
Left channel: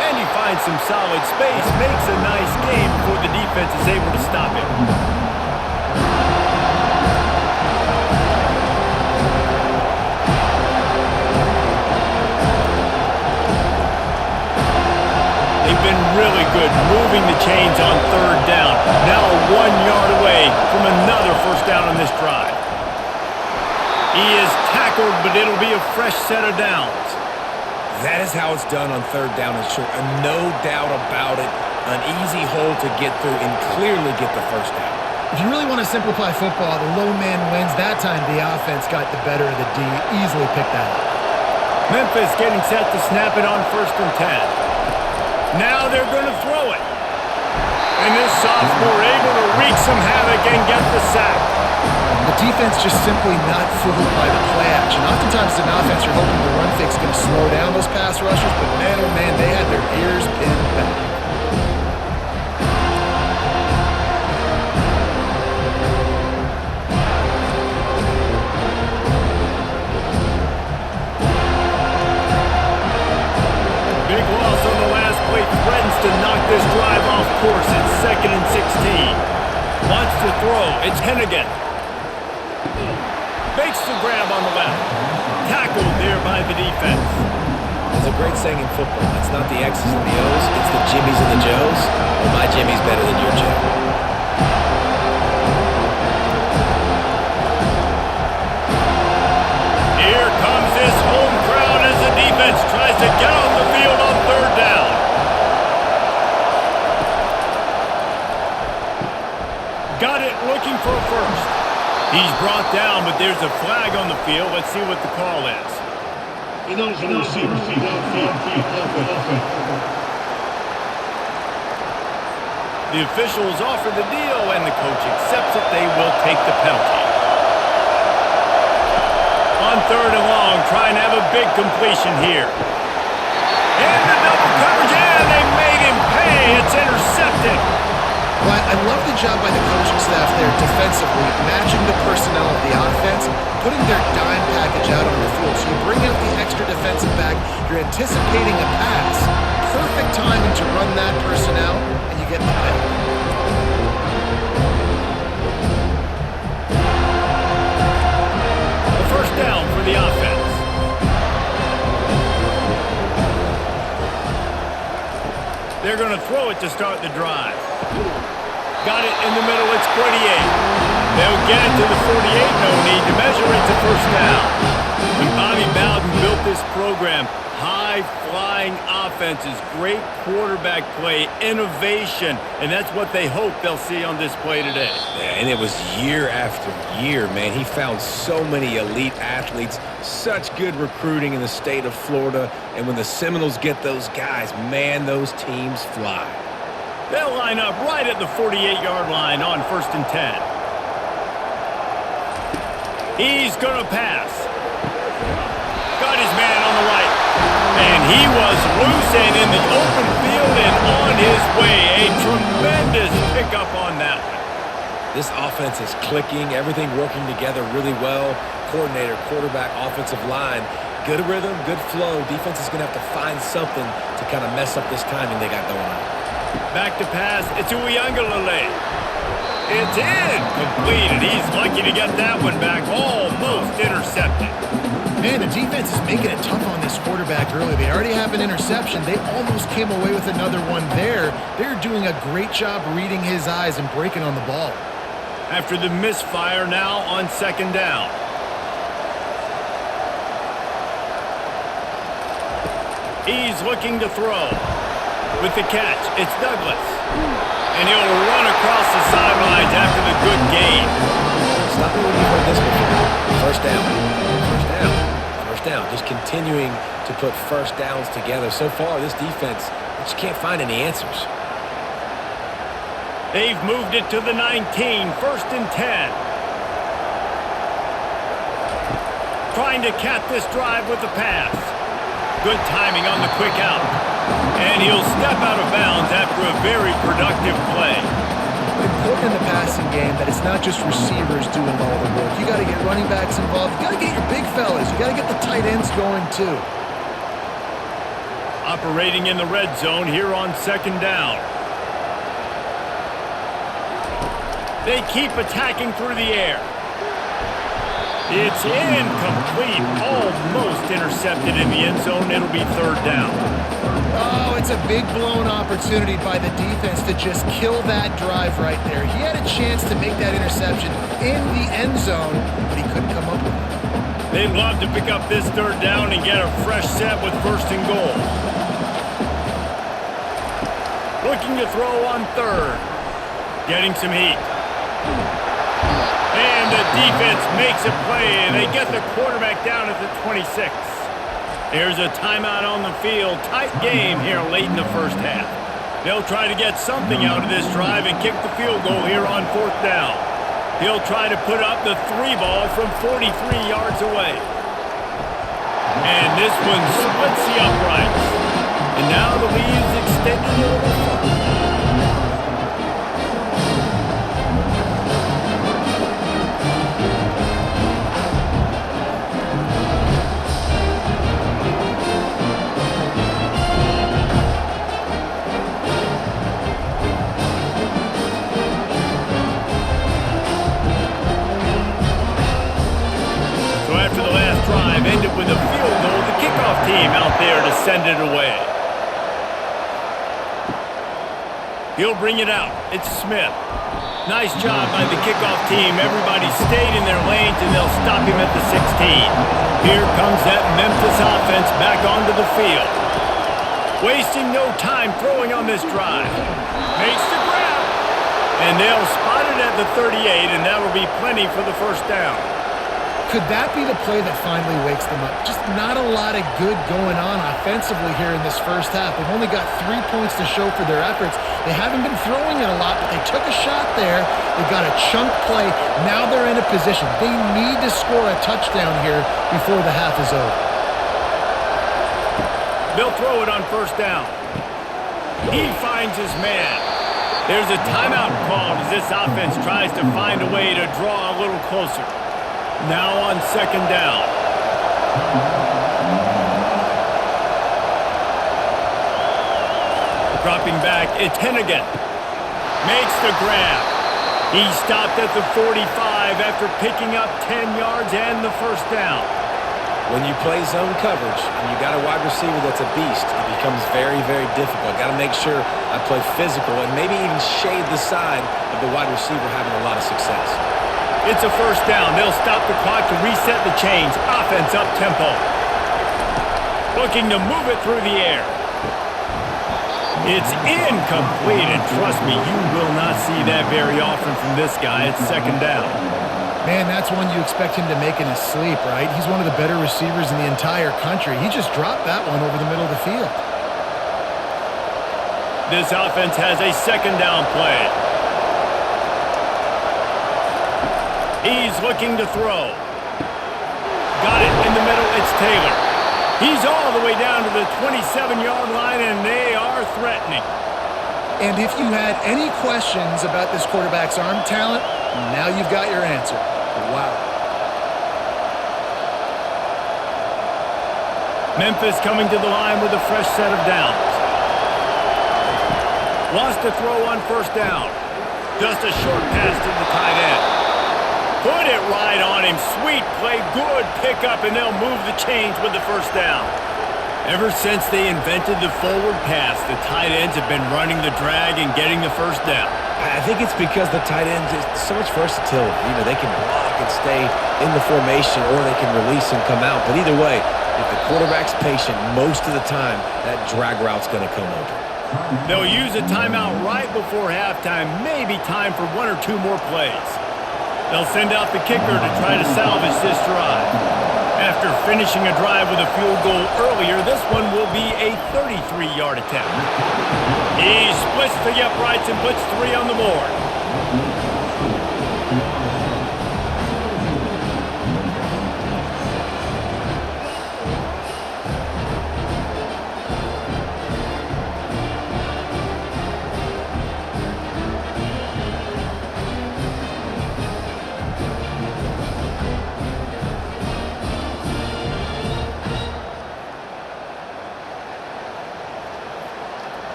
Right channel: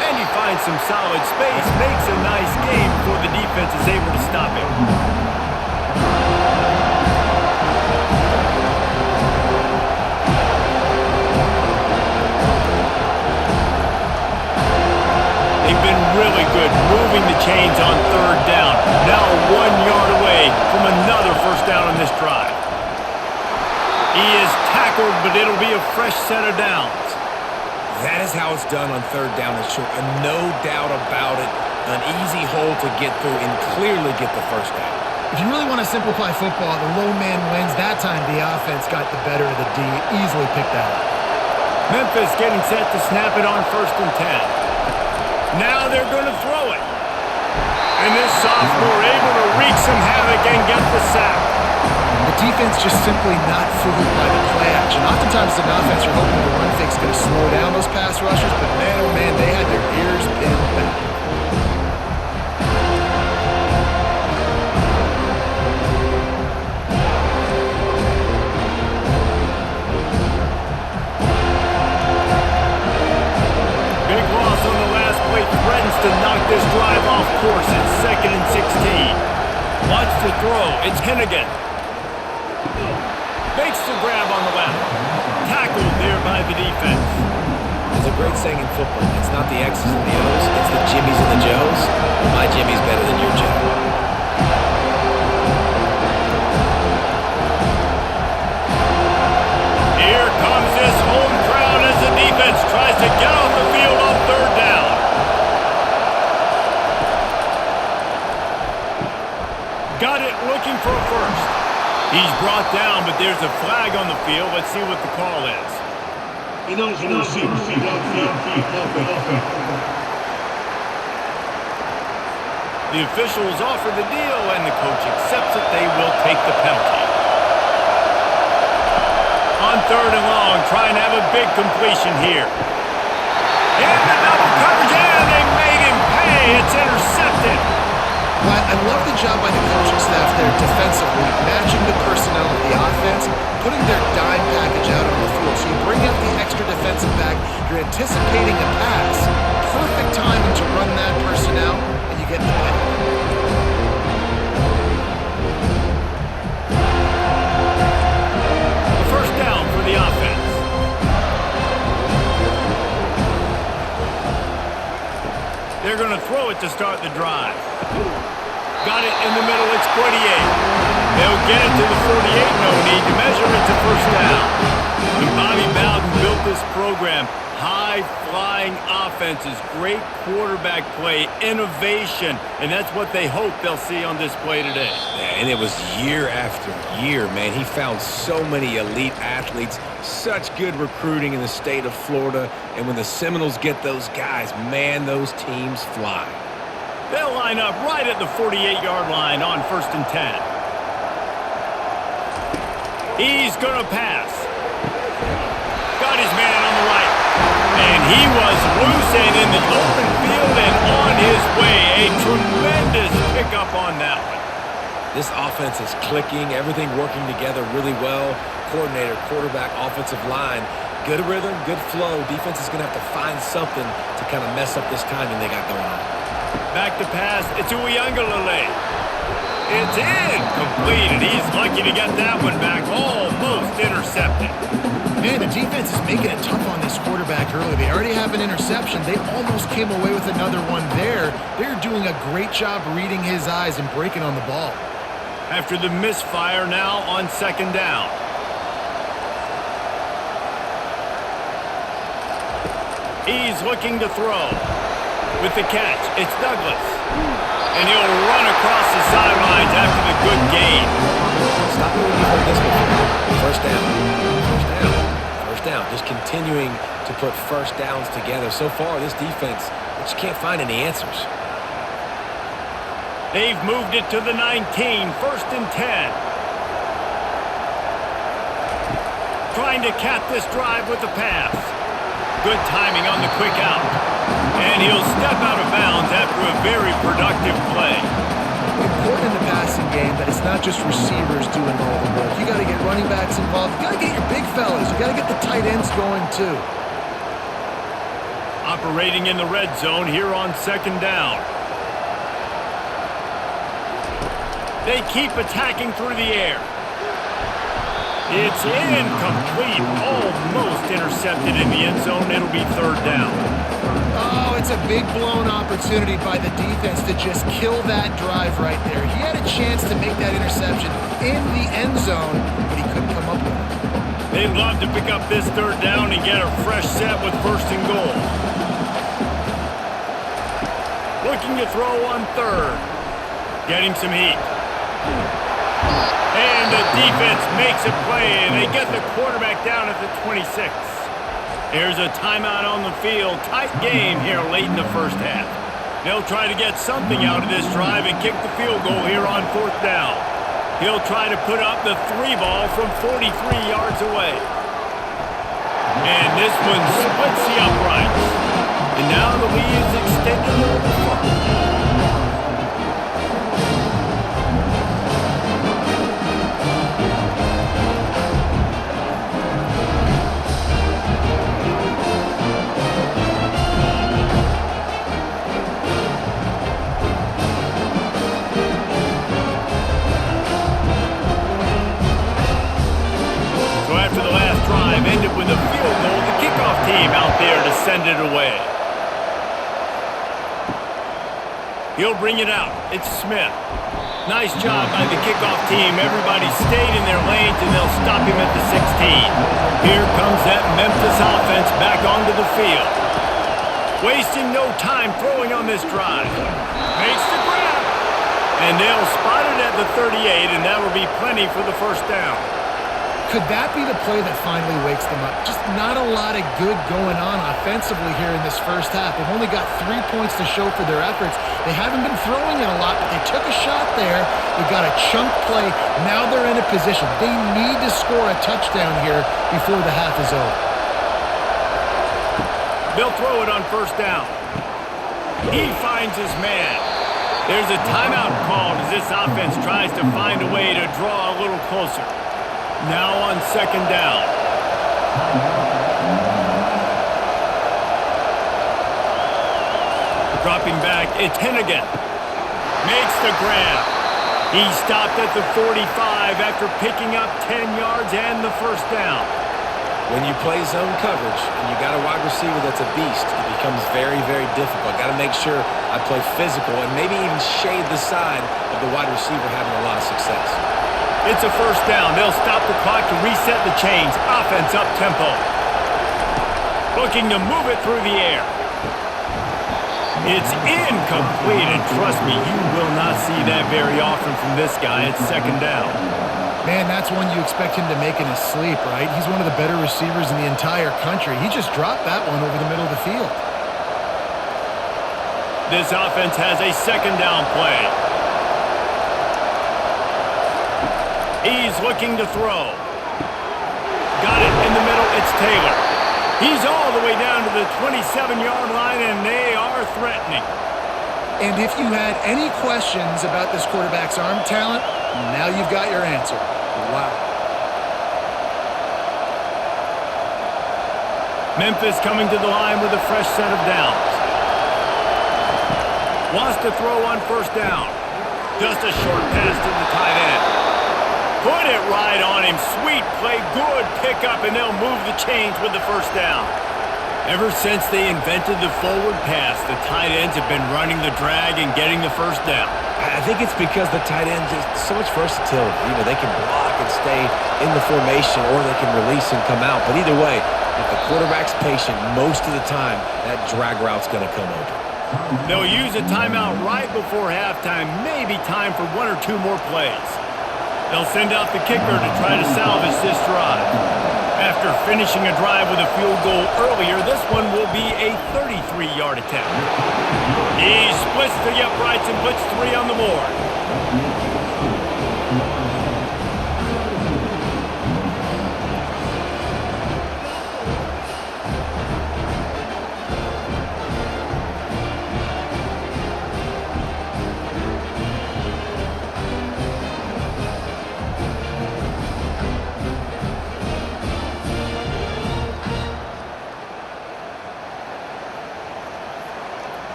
And he finds some solid space. Makes a nice game before the defense is able to stop him. They've been really good moving the chains on 3rd down. Now 1 yard away from another first down on this drive. He is tackled, but it'll be a fresh set of downs. That is how it's done on 3rd down and short. No doubt about it. An easy hole to get through and clearly get the first down. If you really want to simplify football, the low man wins. That time the offense got the better of the D. Easily picked that up. Memphis getting set to snap it on 1st and 10. Now they're going to throw it. And this sophomore able to wreak some havoc and get the sack. The defense just simply not fooled by the play action. Oftentimes an offense you're hoping the run fake is going to slow down those pass rushers, but man, oh man, they had their ears pinned back. Big loss on the last play, threatens to knock this drive off course. It's 2nd and 16. Wants to throw. It's Hennigan. Makes the grab on the left. Tackled there by the defense. There's a great saying in football. It's not the X's and the O's, it's the Jimmies and the Joes. Well, my Jimmy's better than your Joe. Here comes this home crowd as the defense tries to get off the field on 3rd down. Got it looking for a first. He's brought down, but there's a flag on the field. Let's see what the call is. The officials offer the deal, and the coach accepts it. They will take the penalty. On 3rd and long, trying to have a big completion here. Into double coverage, and they made him pay. It's intercepted. Well, I love the job by the coaching staff there defensively, matching the personnel of the offense, putting their dime package out on the field. So you bring out the extra defensive back, you're anticipating a pass. Perfect timing to run that personnel, and you get the pay. The first down for the offense. They're going to throw it to start the drive. Got it in the middle, it's 48. They'll get it to the 48, no need to measure it to first down. When Bobby Bowden built this program, high-flying offenses, great quarterback play, innovation, and that's what they hope they'll see on this play today. Yeah, and it was year after year, man. He found so many elite athletes, such good recruiting in the state of Florida, and when the Seminoles get those guys, man, those teams fly. They'll line up right at the 48-yard line on 1st and 10. He's going to pass. Got his man on the right. And he was loose and in the open field and on his way. A tremendous pickup on that one. This offense is clicking, everything working together really well. Coordinator, quarterback, offensive line. Good rhythm, good flow. Defense is going to have to find something to kind of mess up this timing they got going on. Back to pass. It's Uiagalelei. It's incomplete, and he's lucky to get that one back. Almost intercepted. Man, the defense is making it tough on this quarterback early. They already have an interception. They almost came away with another one there. They're doing a great job reading his eyes and breaking on the ball. After the misfire, now on 2nd down. He's looking to throw. With the catch, it's Douglas. And he'll run across the sidelines after the good gain. Stop me when you've heard this before. First down. First down. First down. Just continuing to put first downs together. So far, this defense, they just can't find any answers. They've moved it to the 19, 1st and 10. Trying to cap this drive with the pass. Good timing on the quick out. And he'll step out of bounds after a very productive play. Important in the passing game that it's not just receivers doing all the work. You got to get running backs involved. You got to get your big fellas. You got to get the tight ends going too. Operating in the red zone here on 2nd down. They keep attacking through the air. It's incomplete, almost intercepted in the end zone. It'll be 3rd down. Oh, it's a big blown opportunity by the defense to just kill that drive right there. He had a chance to make that interception in the end zone, but he couldn't come up with it. They'd love to pick up this 3rd down and get a fresh set with 1st and goal. Looking to throw on 3rd. Getting some heat. And the defense makes a play, and they get the quarterback down at the 26. There's a timeout on the field. Tight game here late in the first half. They'll try to get something out of this drive and kick the field goal here on 4th down. He'll try to put up the 3 ball from 43 yards away. And this one splits the uprights. And now the lead is extended a little further. After the last drive ended with a field goal, the kickoff team out there to send it away. He'll bring it out. It's Smith. Nice job by the kickoff team. Everybody stayed in their lanes, and they'll stop him at the 16. Here comes that Memphis offense back onto the field. Wasting no time throwing on this drive. Makes the grab. And they'll spot it at the 38, and that'll be plenty for the 1st down. Could that be the play that finally wakes them up? Just not a lot of good going on offensively here in this first half. They've only got 3 points to show for their efforts. They haven't been throwing it a lot, but they took a shot there. They got a chunk play. Now they're in a position. They need to score a touchdown here before the half is over. They'll throw it on first down. He finds his man. There's a timeout called as this offense tries to find a way to draw a little closer. Now on second down. Dropping back, it's Hennigan. Makes the grab. He stopped at the 45 after picking up 10 yards and the first down. When you play zone coverage and you got a wide receiver that's a beast, it becomes very, very difficult. Got to make sure I play physical and maybe even shade the side of the wide receiver having a lot of success. It's a first down. They'll stop the clock to reset the chains. Offense up tempo. Looking to move it through the air. It's incomplete, and trust me, you will not see that very often from this guy. It's second down. Man, that's one you expect him to make in his sleep, right? He's one of the better receivers in the entire country. He just dropped that one over the middle of the field. This offense has a second down play. He's looking to throw. Got it in the middle. It's Taylor. He's all the way down to the 27-yard line, and they are threatening. And if you had any questions about this quarterback's arm talent, now you've got your answer. Wow. Memphis coming to the line with a fresh set of downs. Wants to throw on first down. Just a short pass to the tight end. Put it right on him. Sweet play, good pickup, and they'll move the chains with the first down. Ever since they invented the forward pass, the tight ends have been running the drag and getting the first down. I think it's because the tight ends is so much versatility. You know, they can block and stay in the formation, or they can release and come out. But either way, if the quarterback's patient most of the time, that drag route's going to come open. They'll use a timeout right before halftime, maybe time for 1 or 2 more plays. They'll send out the kicker to try to salvage this drive. After finishing a drive with a field goal earlier, this one will be a 33-yard attempt. He splits the uprights and puts 3 on the board.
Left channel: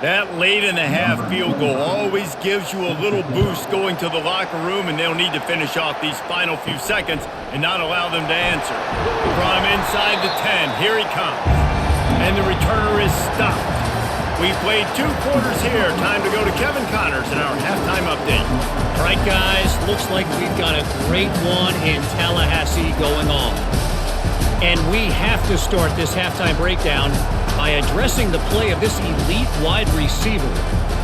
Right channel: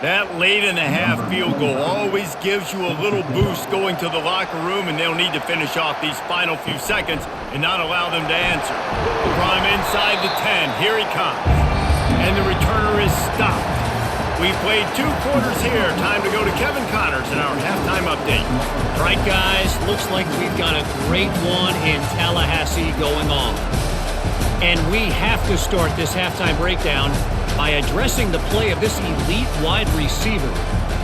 That late in the half field goal always gives you a little boost going to the locker room, and they'll need to finish off these final few seconds and not allow them to answer. From inside the 10, here he comes. And the returner is stopped. We've played 2 quarters here. Time to go to Kevin Connors in our halftime update. All right, guys, looks like we've got a great one in Tallahassee going on. And we have to start this halftime breakdown by addressing the play of this elite wide receiver.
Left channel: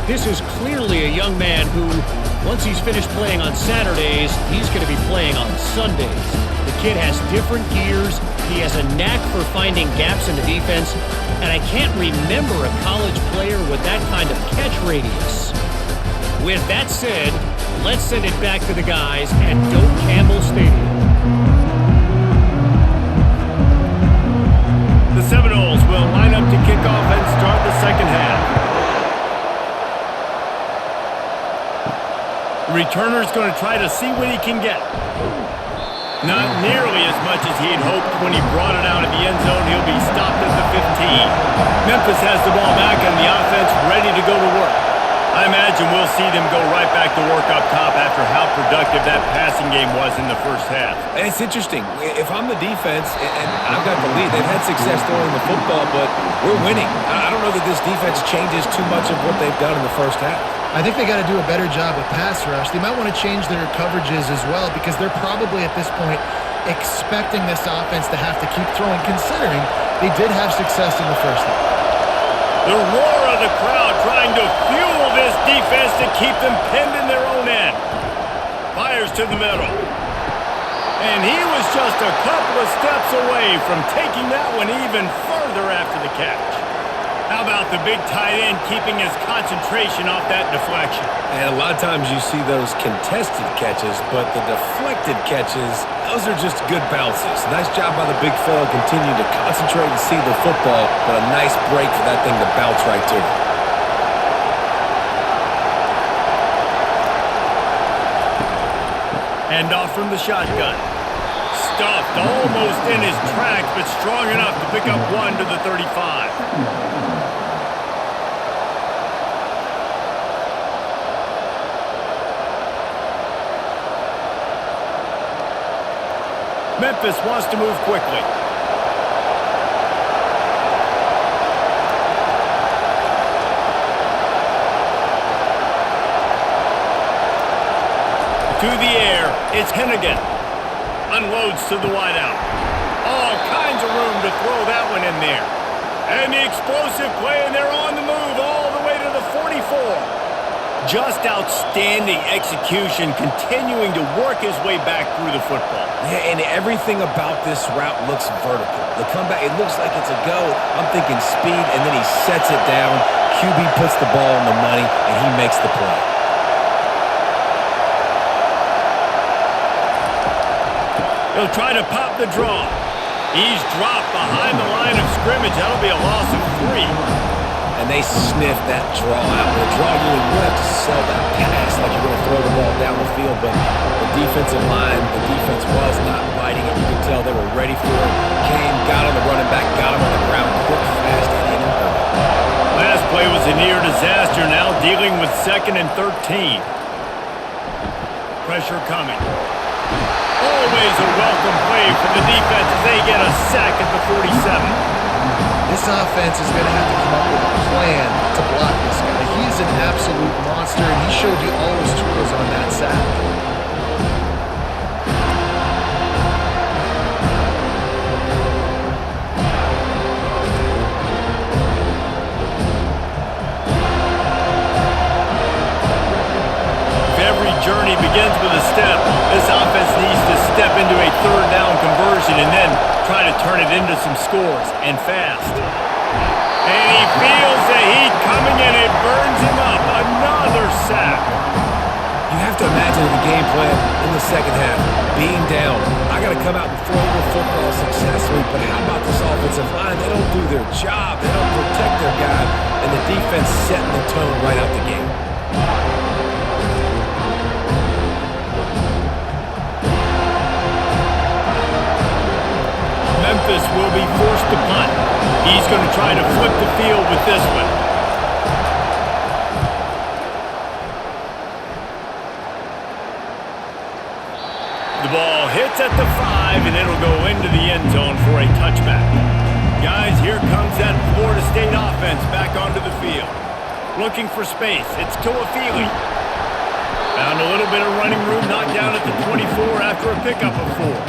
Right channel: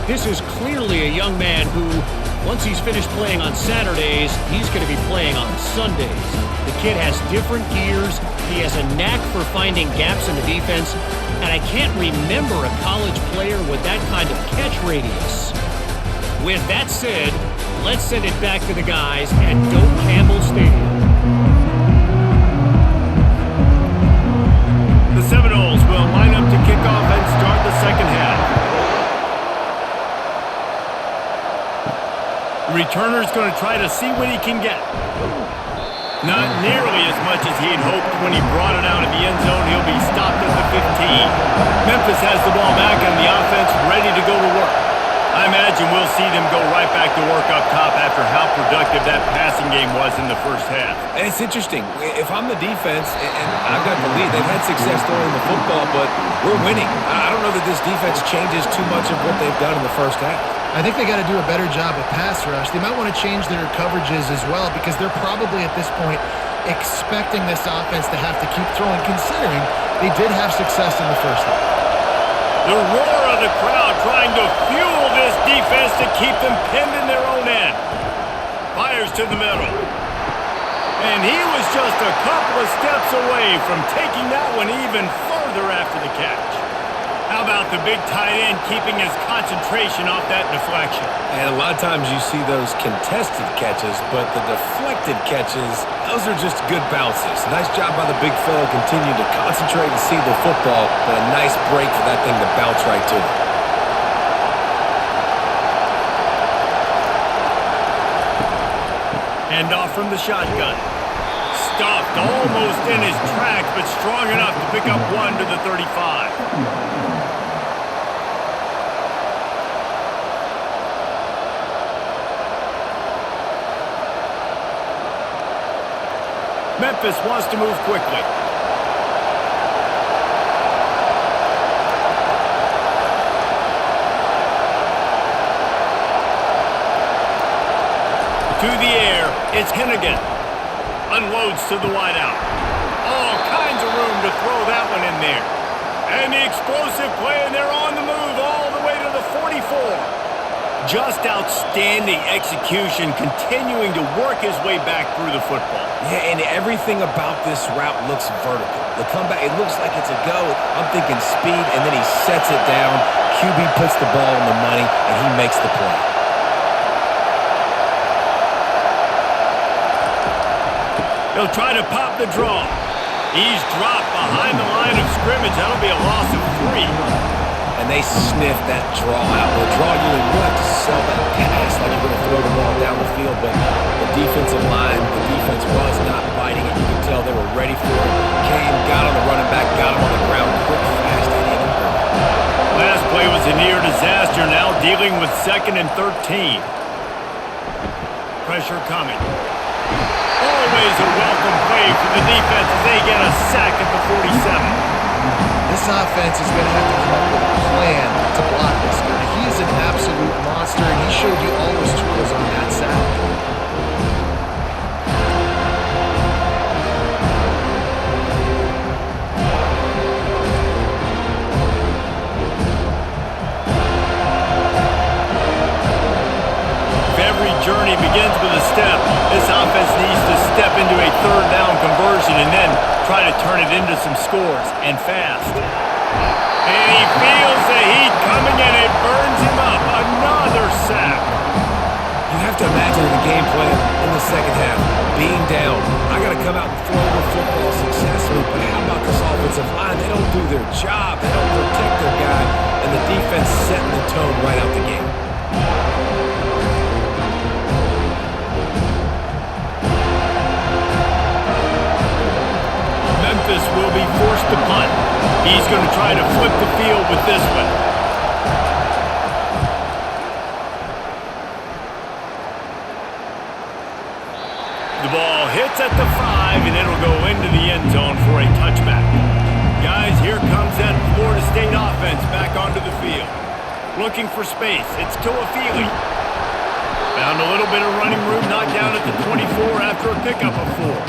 This is clearly a young man who, once he's finished playing on Saturdays, he's going to be playing on Sundays. The kid has different gears. He has a knack for finding gaps in the defense. And I can't remember a college player with that kind of catch radius. With that said, let's send it back to the guys at Doak Campbell Stadium. The Seminoles will line up to kick off and start the second half. Returner's going to try to see what he can get. Not nearly as much as he'd hoped when he brought it out of the end zone. He'll be stopped at the 15. Memphis has the ball back and the offense ready to go to work. I imagine we'll see them go right back to work up top after how productive that passing game was in the first half. And it's interesting. If I'm the defense and I've got the lead, they've had success throwing the football, but we're winning. I don't know that this defense changes too much of what they've done in the first half. I think they got to do a better job with pass rush. They might want to change their coverages as well, because they're probably at this point expecting this offense to have to keep throwing, considering they did have success in the first half. The roar of the crowd trying to fuel this defense to keep them pinned in their own end. Fires to the middle. And he was just a couple of steps away from taking that one even further after the catch. How about the big tight end keeping his concentration off that deflection? And a lot of times you see those contested catches, but the deflected catches, those are just good bounces. Nice job by the big fella continuing to concentrate and see the football, but a nice break for that thing to bounce right to him. Hand off from the shotgun. Stuffed almost in his tracks, but strong enough to pick up one to the 35. Memphis wants to move quickly. To the air, it's Hennigan. Unloads to the wideout. All kinds of room to throw that one in there. And the explosive play, and they're on the move all the way to the 44. Just outstanding execution, continuing to work his way back through the football. Yeah, and everything about this route looks vertical. The comeback, it looks like it's a go. I'm thinking speed, and then he sets it down. QB puts the ball on the money, and he makes the play. He'll try to pop the draw. He's dropped behind the line of scrimmage. That'll be a loss of 3. And they sniff that draw out. With a draw unit, you have to sell that pass like you're going to throw the ball down the field, but the defensive line, the defense was not biting it. You could tell they were ready for it. Came, got on the running back, got him on the ground quick, fast, and in a hurry. Last play was a near disaster, now dealing with 2nd and 13. Pressure coming. Always a welcome play for the defense as they get a sack at the 47. This offense is going to have to come up with a plan to block this guy. He is an absolute monster, and he showed you all his tools on that sack. Every journey begins with a step. This offense needs to step into a 3rd down conversion and then try to turn it into some scores, and fast. And he feels the heat coming and it burns him up. Another sack. You have to imagine the game plan in the second half. Being down, I got to come out and throw the football successfully, but how about this offensive line? They don't do their job. They don't protect their guy, and the defense setting the tone right out the gate. Memphis will be forced to punt. He's going to try to flip the field with this one. The ball hits at the 5, and it'll go into the end zone for a touchback. Guys, here comes that Florida State offense back onto the field. Looking for space. It's Tuafili. Found a little bit of running room, knocked down at the 24 after a pickup of 4.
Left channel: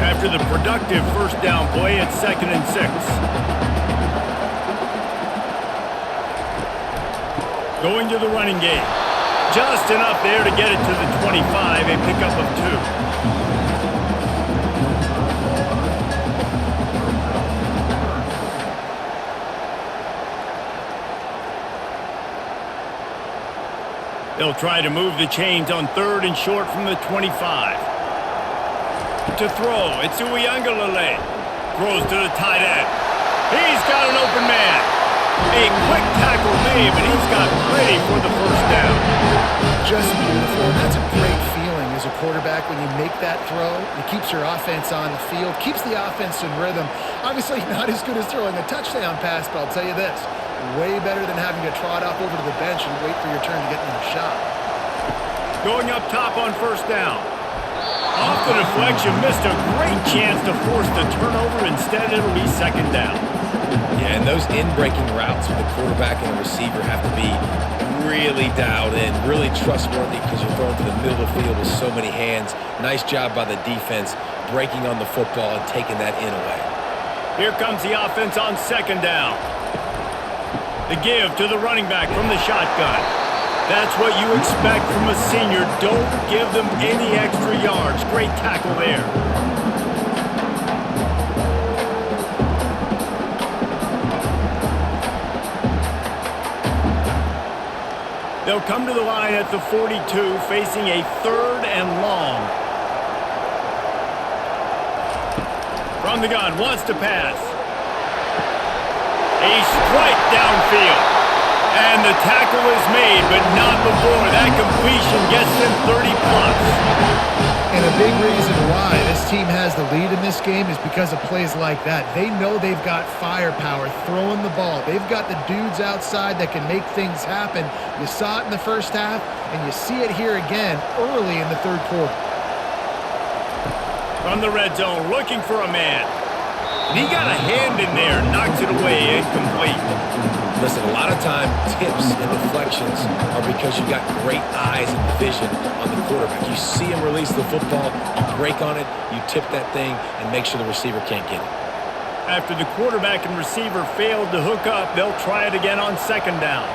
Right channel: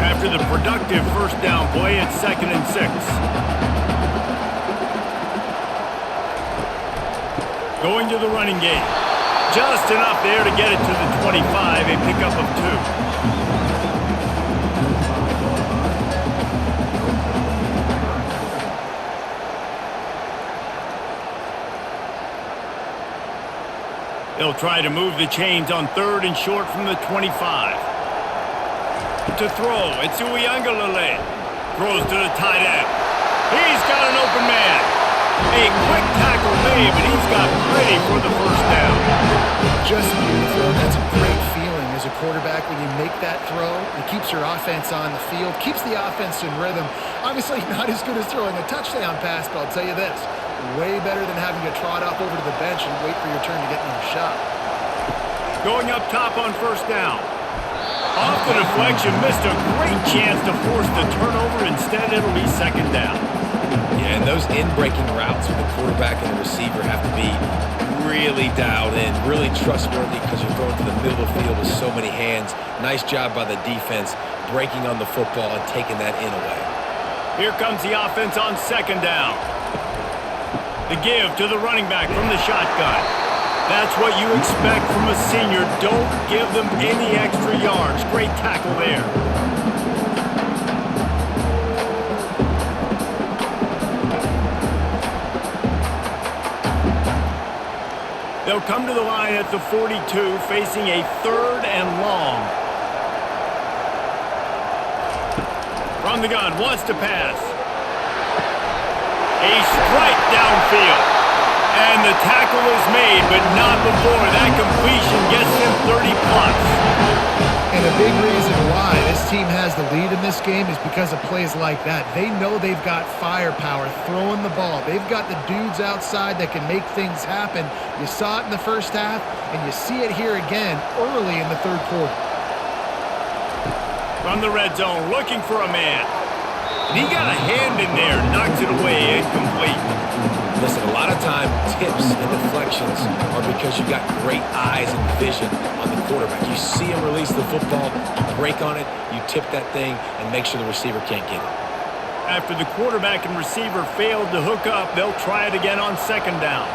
After the productive 1st down play, it's 2nd and 6. Going to the running game. Just enough there to get it to the 25, a pickup of 2. They'll try to move the chains on 3rd and short from the 25. To throw, it's Uiagalelei. Throws to the tight end. He's got an open man. A quick tackle made, but he's got plenty for the 1st down. Just beautiful, and that's a great feeling as a quarterback when you make that throw. It keeps your offense on the field, keeps the offense in rhythm. Obviously not as good as throwing a touchdown pass, but I'll tell you this, way better than having to trot off over to the bench and wait for your turn to get another shot. Going up top on 1st down. Off the deflection, missed a great chance to force the turnover. Instead, it'll be 2nd down. Yeah, and those in-breaking routes with a quarterback and a receiver have to be really dialed in, really trustworthy because you're throwing to the middle of the field with so many hands. Nice job by the defense breaking on the football and taking that in away. Here comes the offense on second down. The give to the running back from the shotgun. That's what you expect from a senior. Don't give them any extra yards. Great tackle there. They'll come to the line at the 42, facing a 3rd and long. From the gun, wants to pass. A strike downfield. And the tackle is made, but not before that completion gets them 30+. And a big reason why this team has the lead in this game is because of plays like that. They know they've got firepower throwing the ball. They've got the dudes outside that can make things happen. You saw it in the first half, and you see it here again early in the third quarter. From the red zone, looking for a man. And he got a hand in there, knocks it away, incomplete. Listen, a lot of time, tips and deflections are because you got great eyes and vision on the quarterback. You see him release the football, you break on it, you tip that thing, and make sure the receiver can't get it. After the quarterback and receiver failed to hook up, they'll try it again on second down.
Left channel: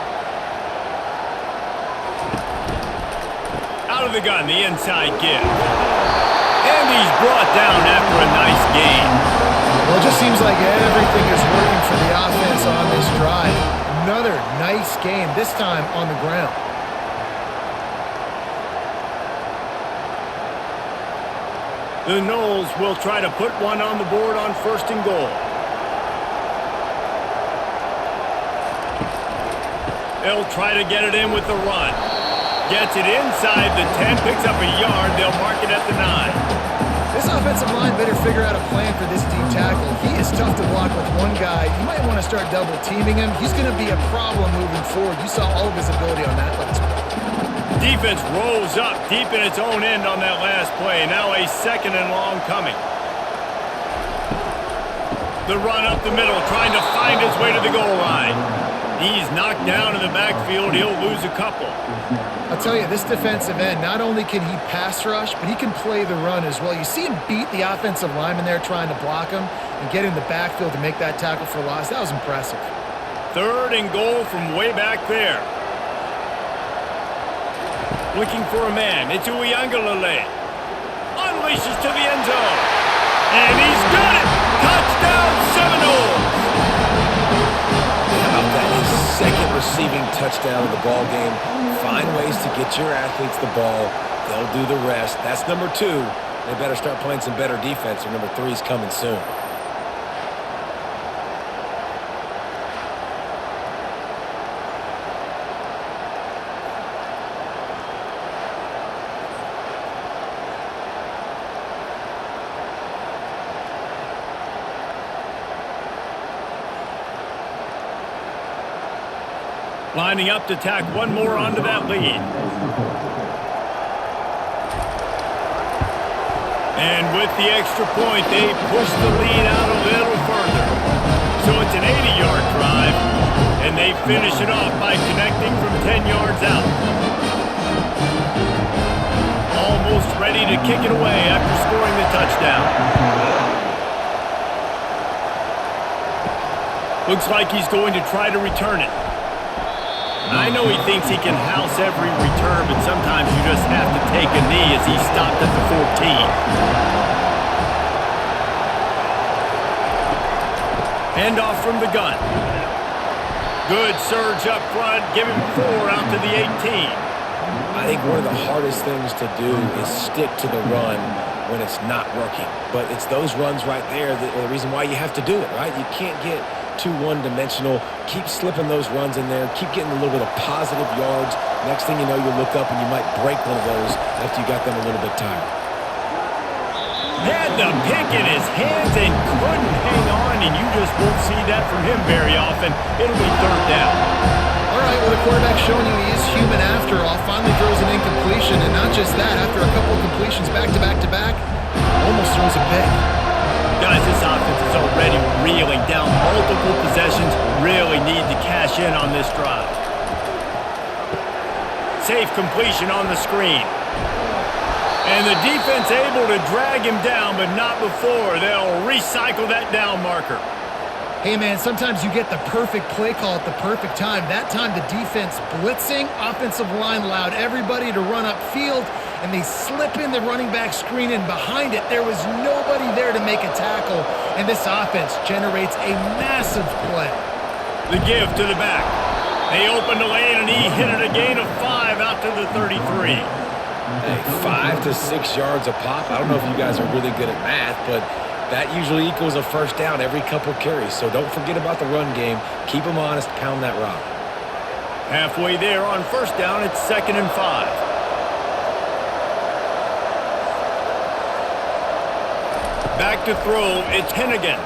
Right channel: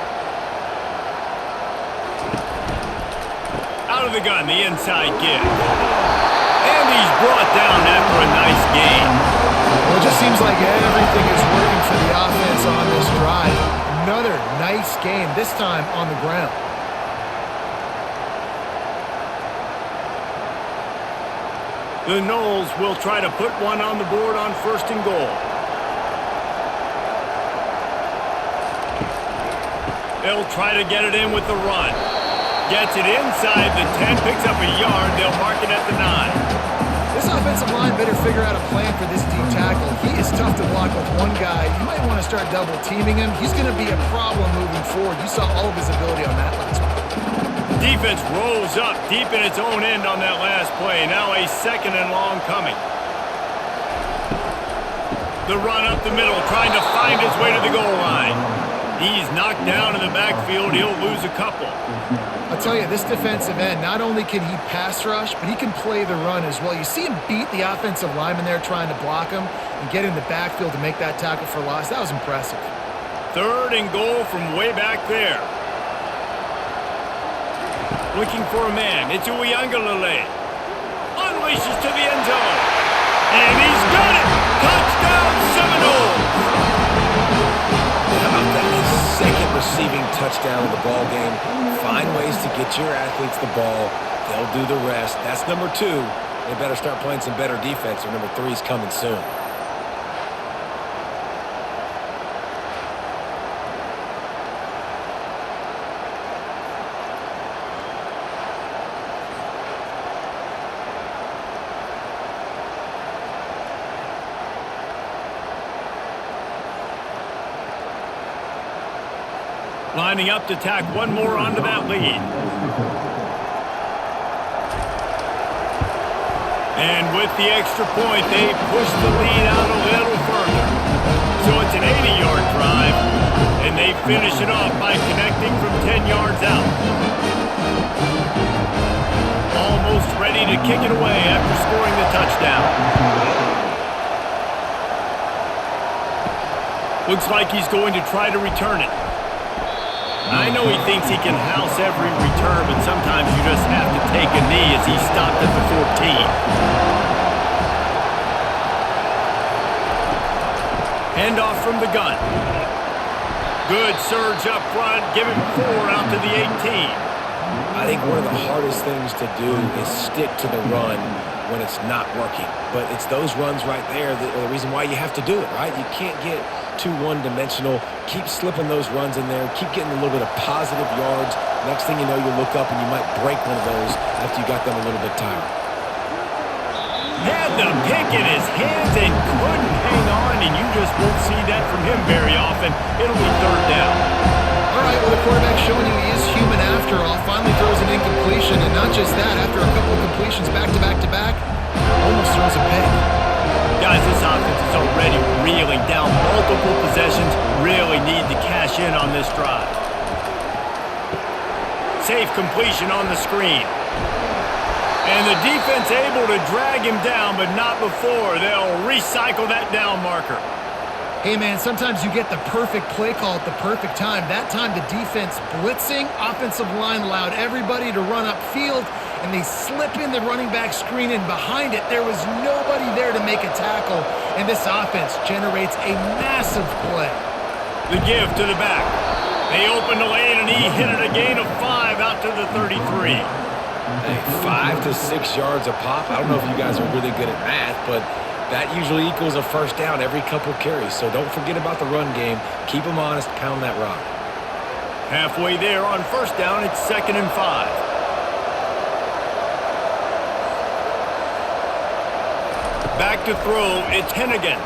Out of the gun, the inside give. And he's brought down after a nice gain. Well, it just seems like everything is working for the offense on this drive. Another nice game, this time on the ground. The Noles will try to put one on the board on 1st and goal. They'll try to get it in with the run. Gets it inside the 10, picks up a yard. They'll mark it at the 9. This offensive line better figure out a plan for this D tackle. He is tough to block with one guy. You might want to start double teaming him. He's going to be a problem moving forward. You saw all of his ability on that last play. Defense rose up deep in its own end on that last play. Now a 2nd and long coming. The run up the middle, trying to find his way to the goal line. He's knocked down in the backfield. He'll lose a couple. I'll tell you, this defensive end, not only can he pass rush, but he can play the run as well. You see him beat the offensive lineman there trying to block him and get in the backfield to make that tackle for loss. That was impressive. 3rd and goal from way back there. Looking for a man. It's Uiagalelei. Unleashes to the end zone. And he's got it! Touchdown Seminoles! How about that? His 2nd receiving touchdown of the ball game. Find ways to get your athletes the ball. They'll do the rest. That's number 2. They better start playing some better defense, or number 3's coming soon. Lining up to tack one more onto that lead. And with the extra point, they push the lead out a little further. So it's an 80-yard drive, and they finish it off by connecting from 10 yards out. Almost ready to kick it away after scoring the touchdown. Looks like he's going to try to return it. I know he thinks he can house every return, but sometimes you just have to take a knee as he stopped at the 14. Handoff from the gun. Good surge up front. Give him 4 out to the 18. I think one of the hardest things to do is stick to the run when it's not working. But it's those runs right there that are the reason why you have to do it, right? You can't get too one-dimensional. Keep slipping those runs in there. Keep getting a little bit of positive yards. Next thing you know, you look up and you might break one of those after you got them a little bit tired. Had the pick in his hands and couldn't hang on, and you just won't see that from him very often. It'll be 3rd down. All right, well, the quarterback's showing you he is human after all. Finally throws an incompletion, and not just that, after a couple of completions back-to-back-to-back, almost throws a pick. Guys, this offense is already reeling down multiple possessions. Really need to cash in on this drive. safe completion on the screen. And the defense able to drag him down, but not before they'll recycle that down marker. Hey, man, sometimes you get the perfect play call at the perfect time. That time, the defense blitzing, offensive line allowed everybody to run upfield, and they slip in the running back screen, and behind it, there was nobody there to make a tackle, and this offense generates a massive play. The give to the back. They opened the lane, and he hit it a gain of 5 out to the 33. Hey, 5 to 6 yards a pop. I don't know if you guys are really good at math, but that usually equals a first down every couple carries. So don't forget about the run game. Keep them honest. Pound that rock. Halfway there on first down, it's 2nd and 5. Back to throw, it's Hennigan.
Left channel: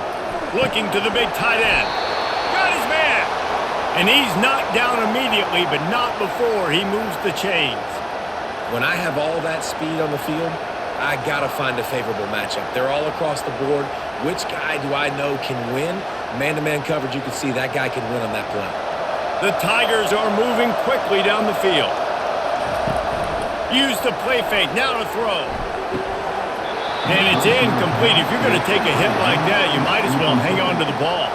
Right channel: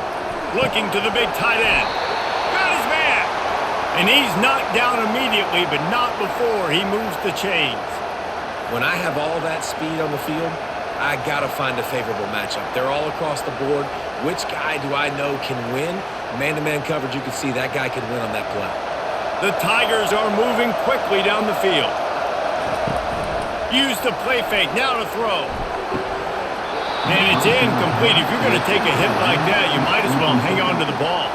Looking to the big tight end. Got his man. And he's knocked down immediately, but not before he moves the chains. When I have all that speed on the field, I got to find a favorable matchup. They're all across the board. Which guy do I know can win? Man-to-man coverage, you can see that guy can win on that play. The Tigers are moving quickly down the field. Use the play fake, now to throw. And it's incomplete. If you're going to take a hit like that, you might as well hang on to the ball.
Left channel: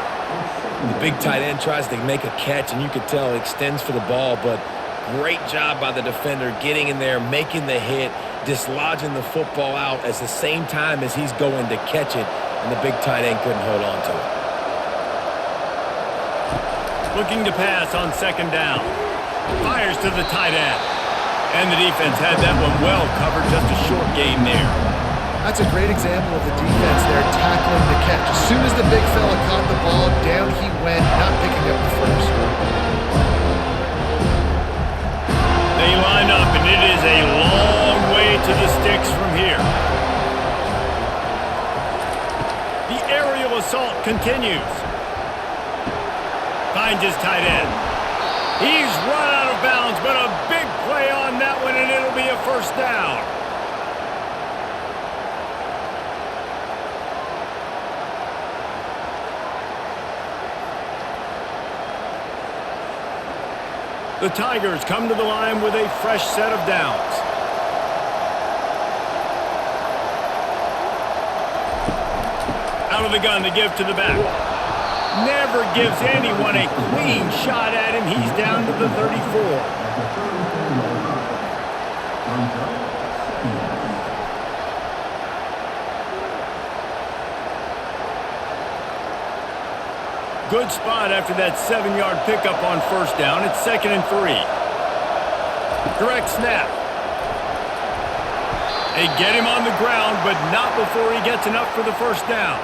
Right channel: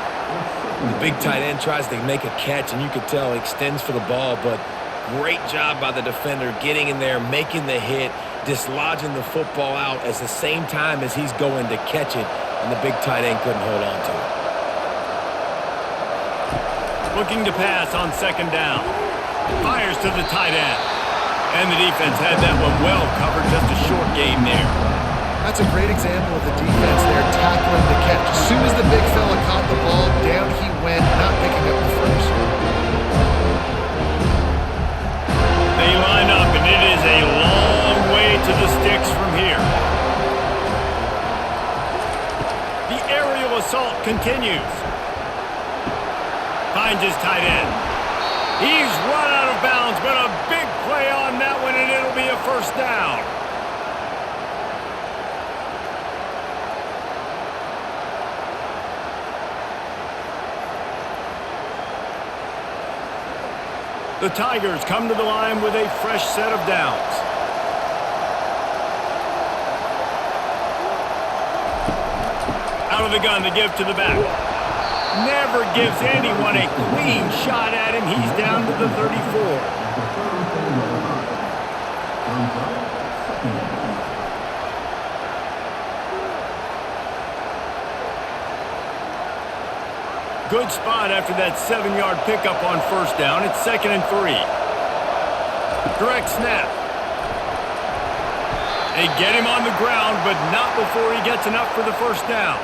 The big tight end tries to make a catch, and you can tell he extends for the ball, but great job by the defender getting in there, making the hit, dislodging the football out at the same time as he's going to catch it, and the big tight end couldn't hold on to it. Looking to pass on 2nd down. Fires to the tight end. And the defense had that one well covered, just a short gain there. That's a great example of the defense there tackling the catch. As soon as the big fella caught the ball, down he went, not picking up the first. They line up, and it is a long way to the sticks from here. The aerial assault continues. Finds his tight end. He's run out of bounds, but a big play on that one, and it'll be a first down. The Tigers come to the line with a fresh set of downs. Out of the gun, the give to the back. Never gives anyone a clean shot at him. He's down to the 34. Good spot after that 7-yard pickup on first down. It's 2nd and 3. Direct snap. They get him on the ground, but not before he gets enough for the first down.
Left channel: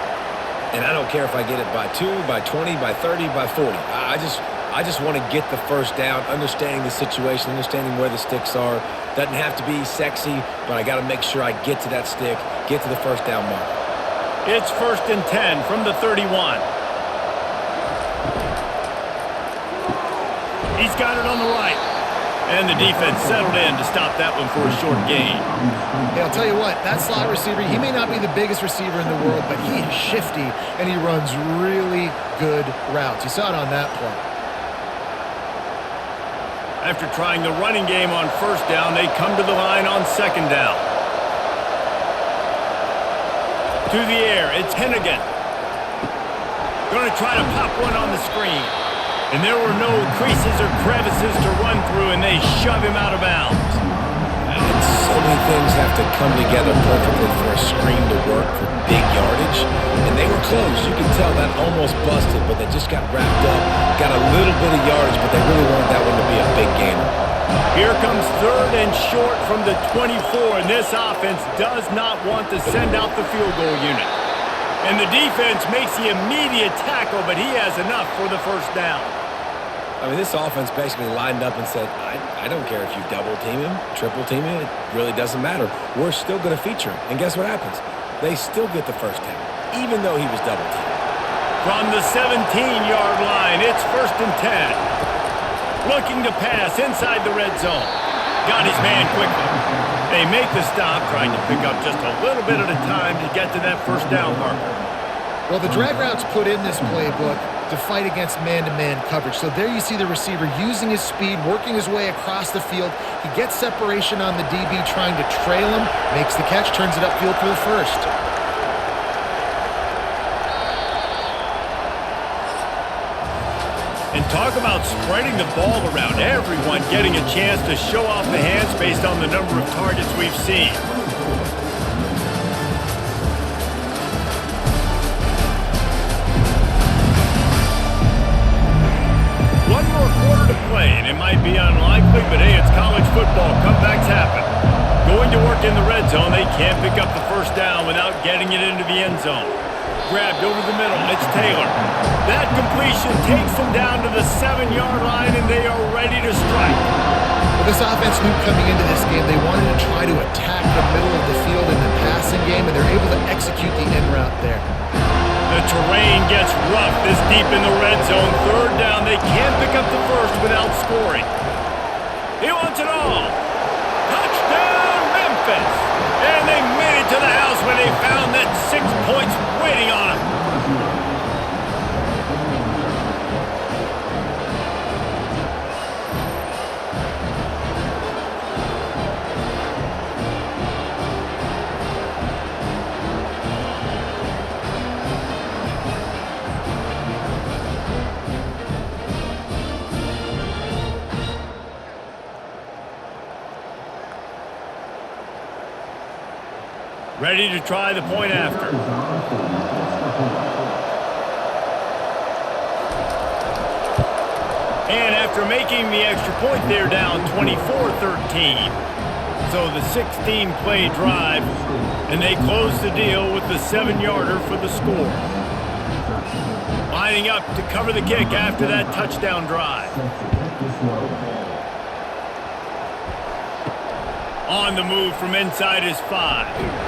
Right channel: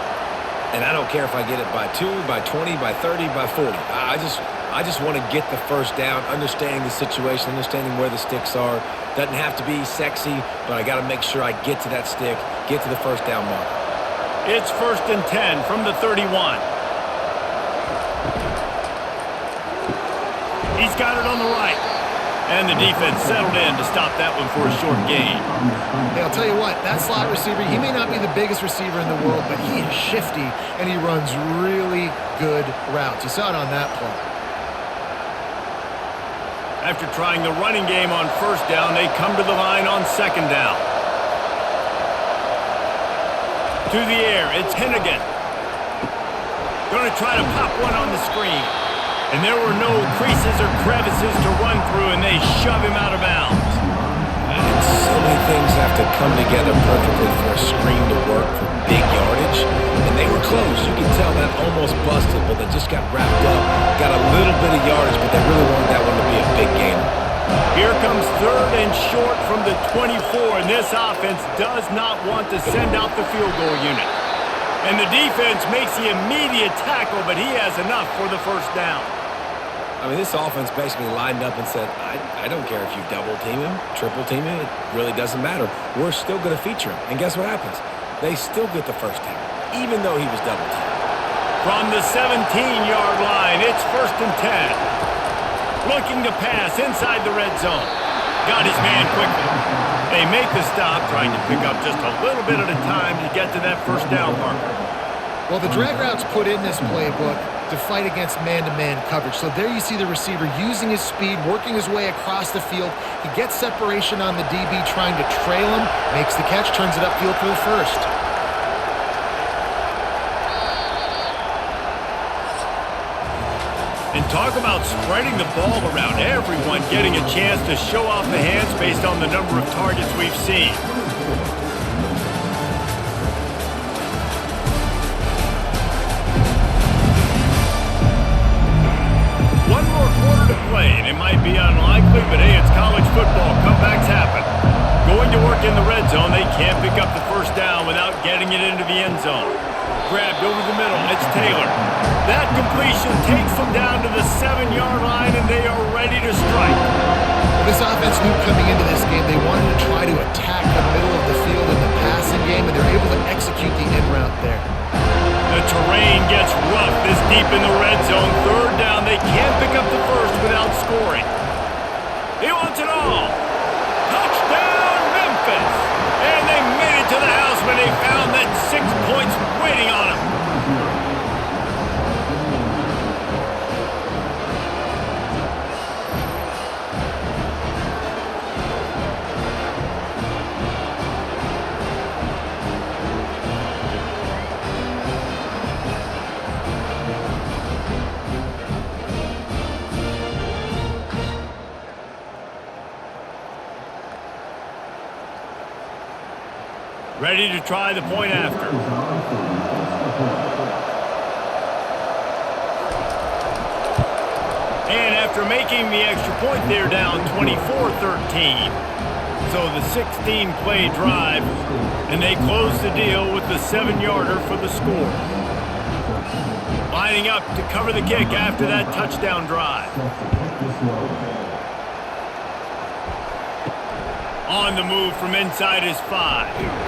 And I don't care if I get it by 2, by 20, by 30, by 40. I just want to get the first down, understanding the situation, understanding where the sticks are. Doesn't have to be sexy, but I got to make sure I get to that stick, get to the first down mark. It's 1st and 10 from the 31. He's got it on the right. And the defense settled in to stop that one for a short gain. Hey, I'll tell you what, that slot receiver, he may not be the biggest receiver in the world, but he is shifty, and he runs really good routes. You saw it on that play. After trying the running game on first down, they come to the line on 2nd down. To the air, it's Hennigan. Going to try to pop one on the screen. And there were no creases or crevices to run through, and they shove him out of bounds. And so many things have to come together perfectly for a screen to work for big yardage. And they were close. You can tell that almost busted, but they just got wrapped up, got a little bit of yardage, but they really wanted that one to be a big gainer. Here comes 3rd and short from the 24, and this offense does not want to send out the field goal unit. And the defense makes the immediate tackle, but he has enough for the first down. I mean, this offense basically lined up and said, I don't care if you double team him, triple team him, it really doesn't matter. We're still going to feature him. And guess what happens? They still get the first down, even though he was double teamed. From the 17-yard line, it's 1st and 10. Looking to pass inside the red zone. Got his man quickly. They make the stop, trying to pick up just a little bit at a time to get to that first down marker. Well, the drag routes put in this playbook to fight against man-to-man coverage. So there you see the receiver using his speed, working his way across the field. He gets separation on the DB, trying to trail him, makes the catch, turns it upfield for the first. And talk about spreading the ball around, everyone getting a chance to show off the hands based on the number of targets we've seen. One more quarter to play, and it might be unlikely, but hey, it's college football. Comebacks happen. Going to work in the red zone, they can't pick up the first down without getting it into the end zone. Grabbed over the middle, it's Taylor. That completion takes them down to the 7-yard line, and they are ready to strike. Well, this offense knew coming into this game they wanted to try to attack the middle of the field in the passing game, and they're able to execute the in route there. The terrain gets rough this deep in the red zone. Third down, they can't pick up the first without scoring. He wants it all. Touchdown, Memphis! And they made it to the house when they found that 6 points waiting on them. Ready to try the point after. And after making the extra point, they're down 24-13. So the 16-play drive, and they close the deal with the 7-yarder for the score. Lining up to cover the kick after that touchdown drive. On the move from inside his 5.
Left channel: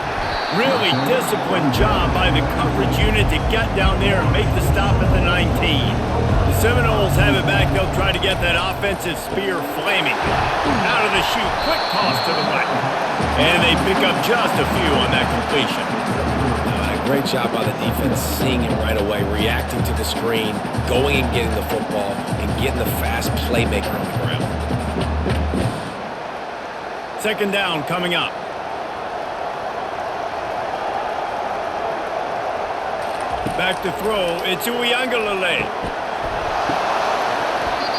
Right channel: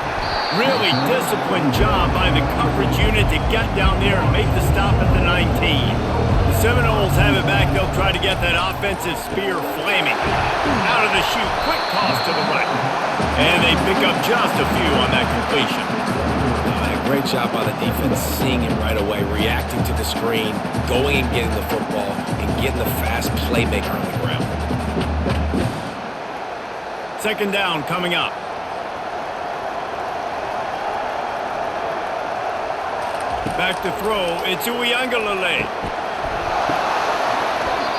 Really disciplined job by the coverage unit to get down there and make the stop at the 19. The Seminoles have it back. They'll try to get that offensive spear flaming. Out of the chute, quick toss to the right. And they pick up just a few on that completion. And a great job by the defense, seeing it right away, reacting to the screen, going and getting the football, and getting the fast playmaker on the ground. Second down coming up. Back to throw, it's Uiagalelei.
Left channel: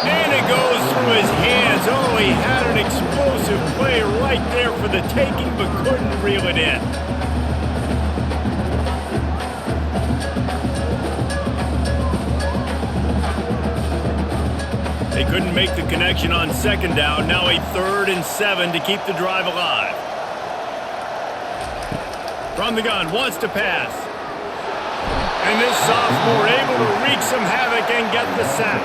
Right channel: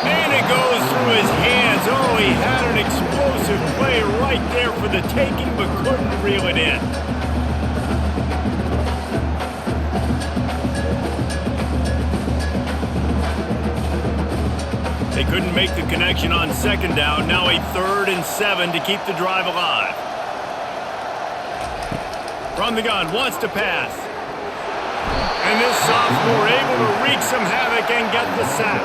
And it goes through his hands. Oh, he had an explosive play right there for the taking, but couldn't reel it in. They couldn't make the connection on second down. Now a 3rd and 7 to keep the drive alive. From the gun, wants to pass. And this sophomore able to wreak some havoc and get the sack.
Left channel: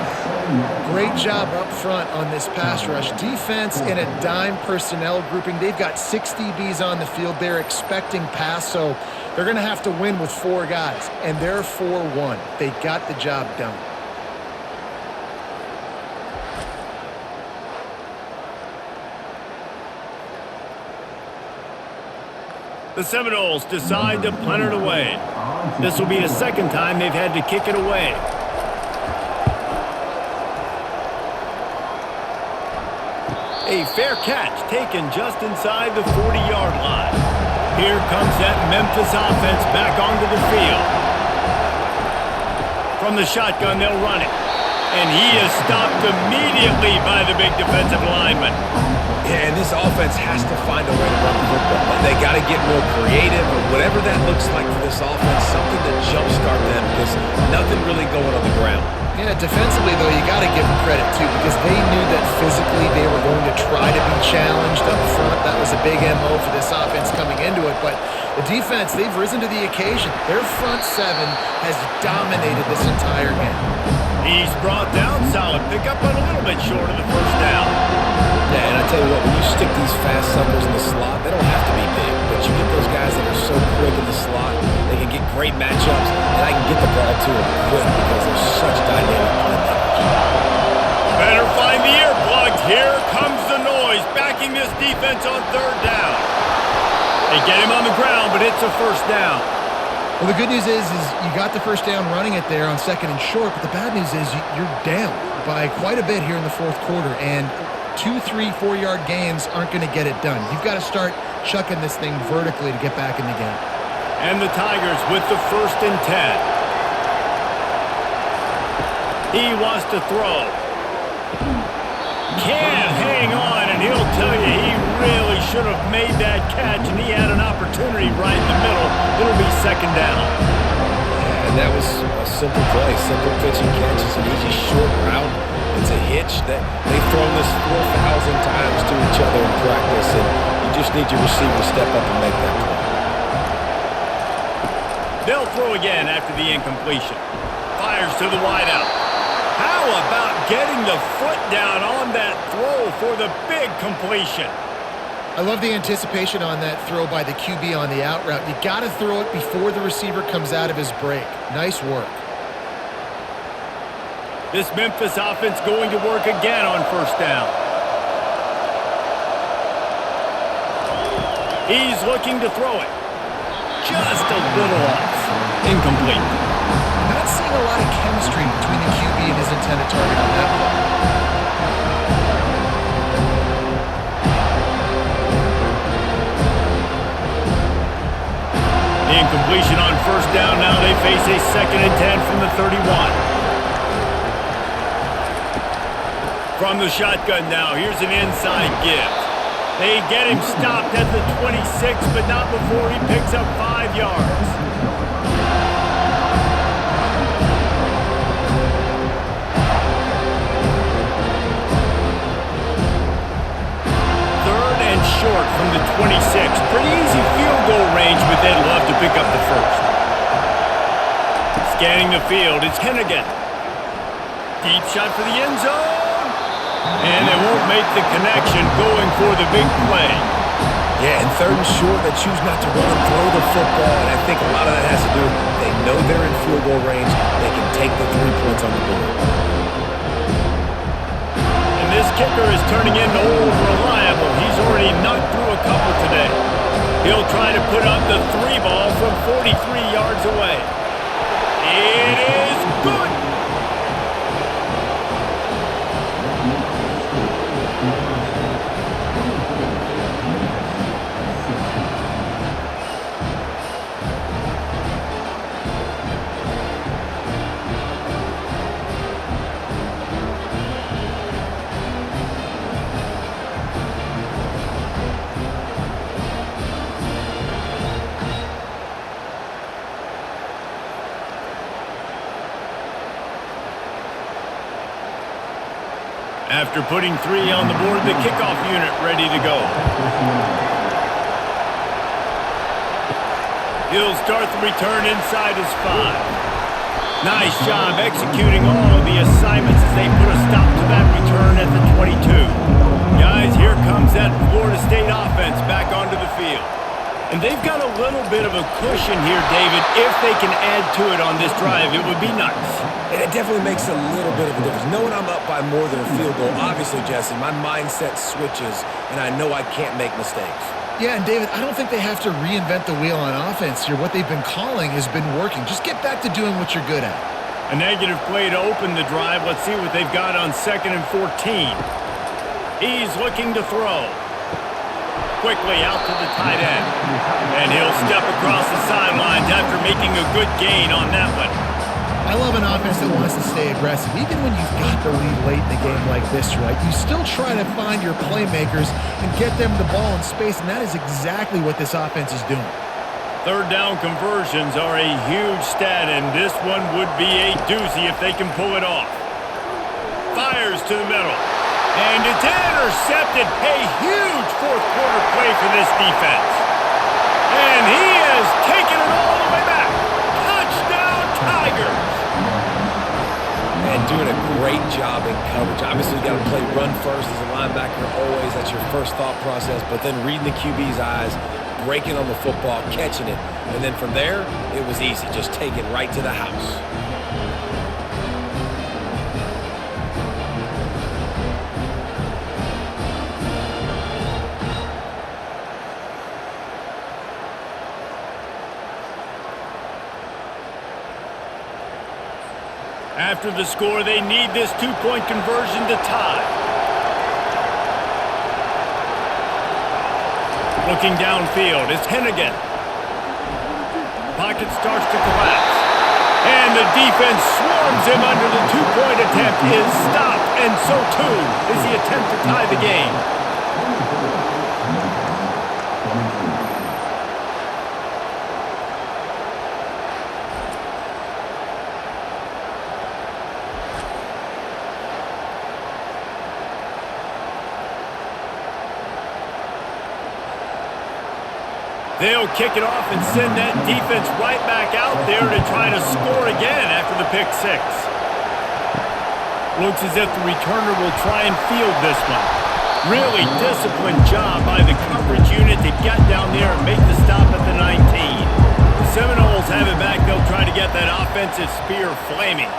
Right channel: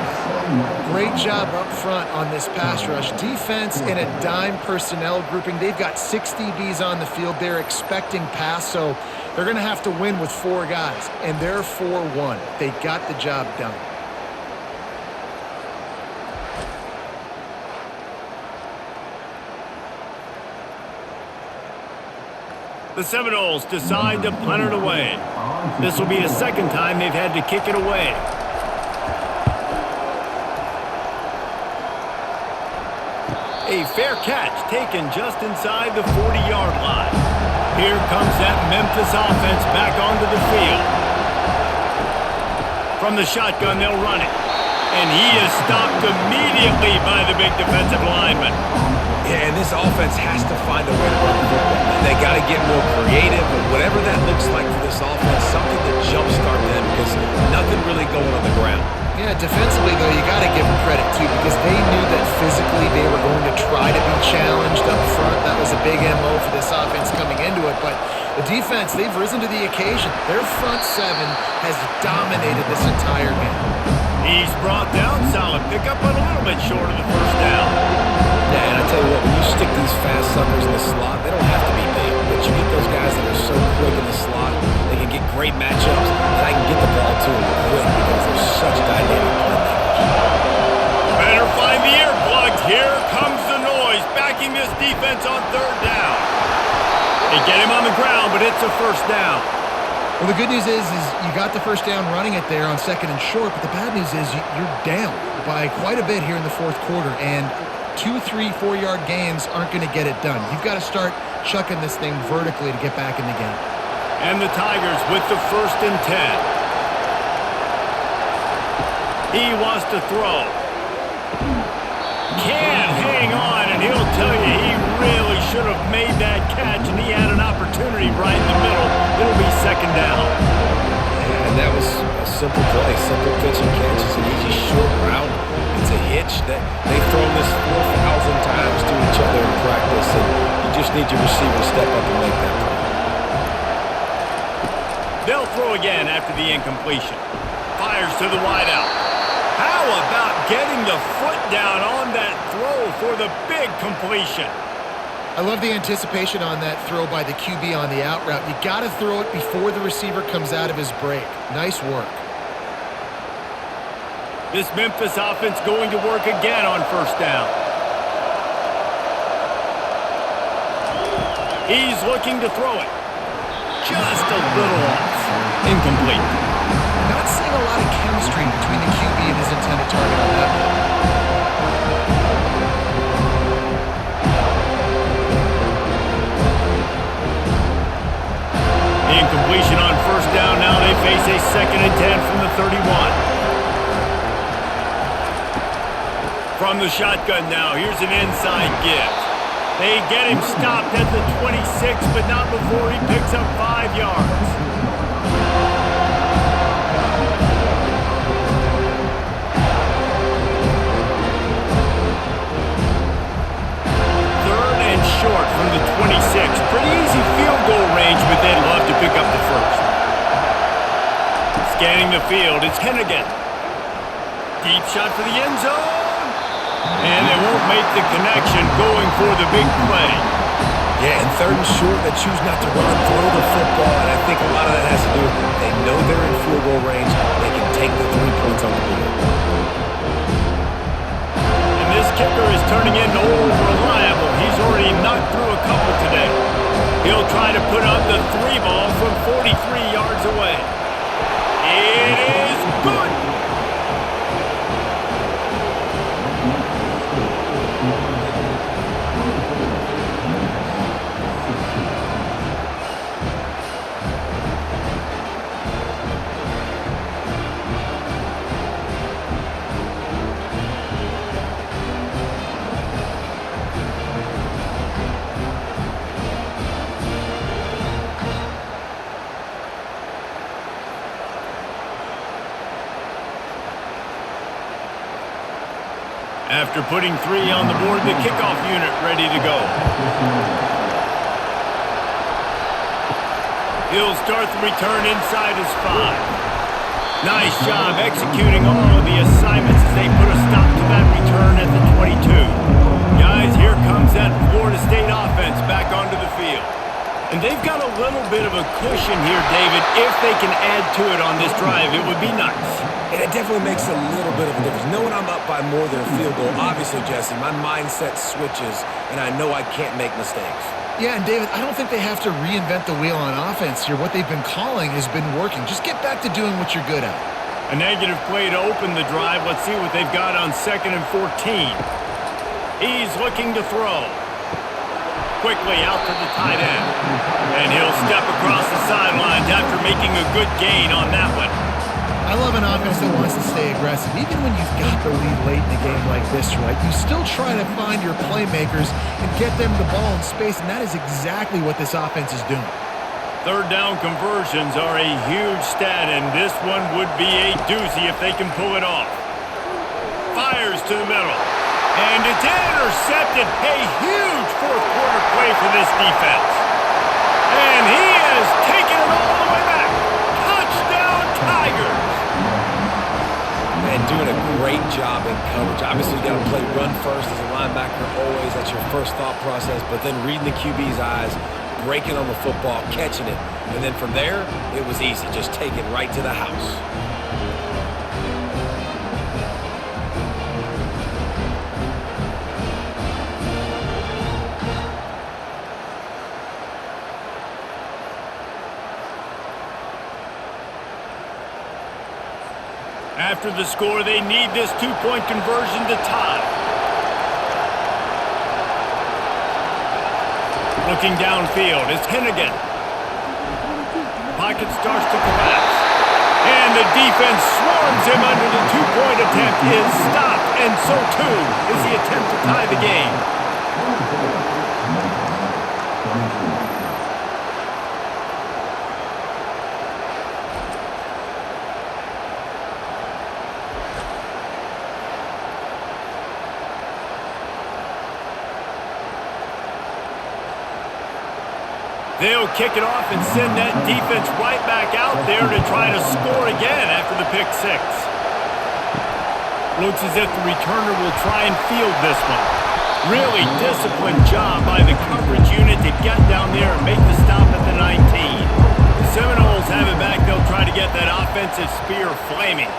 Great job up front on this pass rush. Defense in a dime personnel grouping. They've got 6 DBs on the field. They're expecting pass, so they're going to have to win with 4 guys. And they're 4-1. They got the job done. The Seminoles decide to punt it away. This will be the second time they've had to kick it away. A fair catch taken just inside the 40-yard line. Here comes that Memphis offense back onto the field. From the shotgun, they'll run it. And he is stopped immediately by the big defensive lineman. Yeah, and this offense has to find a way to run the football. And they got to get more creative, or whatever that looks like for this offense, something to jumpstart them, because nothing really going on the ground. Yeah, defensively, though, you got to give them credit, too, because they knew that physically they were going to try to be challenged up front. That was a big MO for this offense coming into it. But the defense, they've risen to the occasion. Their front 7 has dominated this entire game. He's brought down, solid pickup, but a little bit short of the first down. Yeah, and I tell you what, when you stick these fast suckers in the slot, they don't have to be big, but you get those guys that are so quick in the slot, they can get great matchups, and I can get the ball to them quick because they're such dynamic playmakers. Better find the earplugs. Here comes the noise, backing this defense on third down. They get him on the ground, but it's a first down. Well, the good news is you got the first down running it there on 2nd and short, but the bad news is you're down by quite a bit here in the fourth quarter, and 2, 3, 4-yard gains aren't going to get it done. You've got to start chucking this thing vertically to get back in the game. And the Tigers with the 1st and 10. He wants to throw. Can't hang on, and he'll tell you he really should have made that catch, and he had an opportunity right in the middle. It'll be 2nd down. Yeah, and that was a simple play, simple pitch and catch. It's an easy short route. It's a hitch that they've thrown this 4,000 times to each other in practice, and you just need your receiver to step up and make that play. They'll throw again after the incompletion. Fires to the wideout. How about getting the foot down on that throw for the big completion? I love the anticipation on that throw by the QB on the out route. You got to throw it before the receiver comes out of his break. Nice work. This Memphis offense going to work again on 1st down. He's looking to throw it. Just a little off. Incomplete. Not seeing a lot of chemistry between the QB and his intended target on that play. The incompletion on 1st down. Now they face a 2nd and 10 from the 31. From the shotgun now, here's an inside give. They get him stopped at the 26, but not before he picks up 5 yards. Short from the 26. Pretty easy field goal range, but they'd love to pick up the 1st. Scanning the field, it's Hennigan. Deep shot for the end zone. And they won't make the connection, going for the big play. Yeah, and 3rd and short, they choose not to run, throw the football, and I think a lot of that has to do with they know they're in field goal range. They can take the 3 points on the board. This kicker is turning into old reliable. He's already knocked through a couple today. He'll try to put up the 3 ball from 43 yards away. It is good. After putting 3 on the board, the kickoff unit ready to go. He'll start the return inside his 5. Nice job executing all of the assignments as they put a stop to that return at the 22. Guys, here comes that Florida State offense back onto the field. And they've got a little bit of a cushion here, David. If they can add to it on this drive, it would be nice. And it definitely makes a little bit of a difference. Knowing I'm up by more than a field goal, obviously, Jesse, my mindset switches, and I know I can't make mistakes. Yeah, and David, I don't think they have to reinvent the wheel on offense here. What they've been calling has been working. Just get back to doing what you're good at. A negative play to open the drive. Let's see what they've got on 2nd and 14. He's looking to throw. Quickly out to the tight end. And he'll step across the sidelines after making a good gain on that one. I love an offense that wants to stay aggressive. Even when you've got the lead late in the game like this, right? You still try to find your playmakers and get them the ball in space, and that is exactly what this offense is doing. 3rd down conversions are a huge stat, and this one would be a doozy if they can pull it off. Fires to the middle. And it's intercepted. A huge 4th quarter play for this defense. And he has taken it all the way back. Touchdown, Tigers. And doing a great job in coverage. Obviously, you got to play run first as a linebacker always. That's your first thought process. But then reading the QB's eyes, breaking on the football, catching it. And then from there, it was easy. Just take it right to the house. After the score, they need this two-point conversion to tie. Looking downfield, it's Hennigan. Pocket starts to collapse. And the defense swarms him under the two-point attempt is stopped. And so, too, is the attempt to tie the game. They'll kick it off and send that defense right back out there to try to score again after the pick six. Looks as if the returner will try and field this one. Really disciplined job by the coverage unit to get down there and make the stop at the 19. The Seminoles have it back. They'll try to get that offensive spear flaming.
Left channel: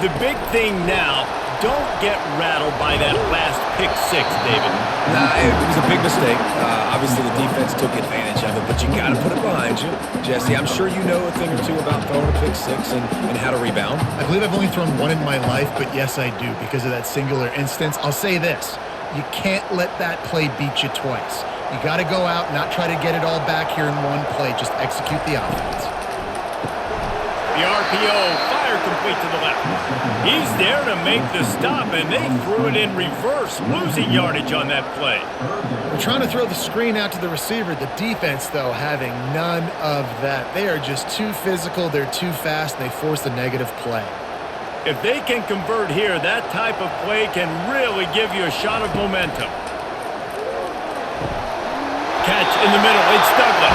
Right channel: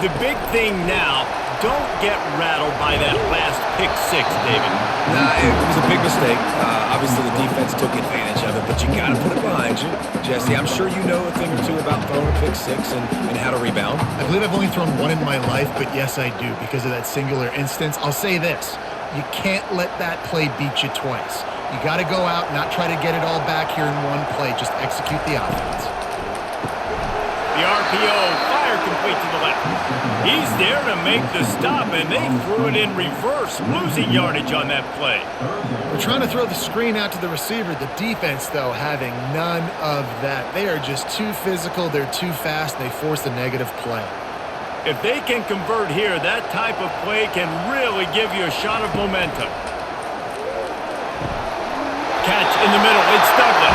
The big thing now, don't get rattled by that last pick six, David. Nah, it was a big mistake. Obviously, the defense took advantage of it, but you got to put it behind you. Jesse, I'm sure you know a thing or two about throwing a pick six and how to rebound. I believe I've only thrown one in my life, but yes, I do because of that singular instance. I'll say this. You can't let that play beat you twice. You got to go out, not try to get it all back here in one play. Just execute the offense. The RPO, fire complete to the left. He's there to make the stop, and they threw it in reverse, losing yardage on that play. We're trying to throw the screen out to the receiver. The defense, though, having none of that. They are just too physical. They're too fast, and they force the negative play. If they can convert here, that type of play can really give you a shot of momentum. Catch in the middle, it's Douglas.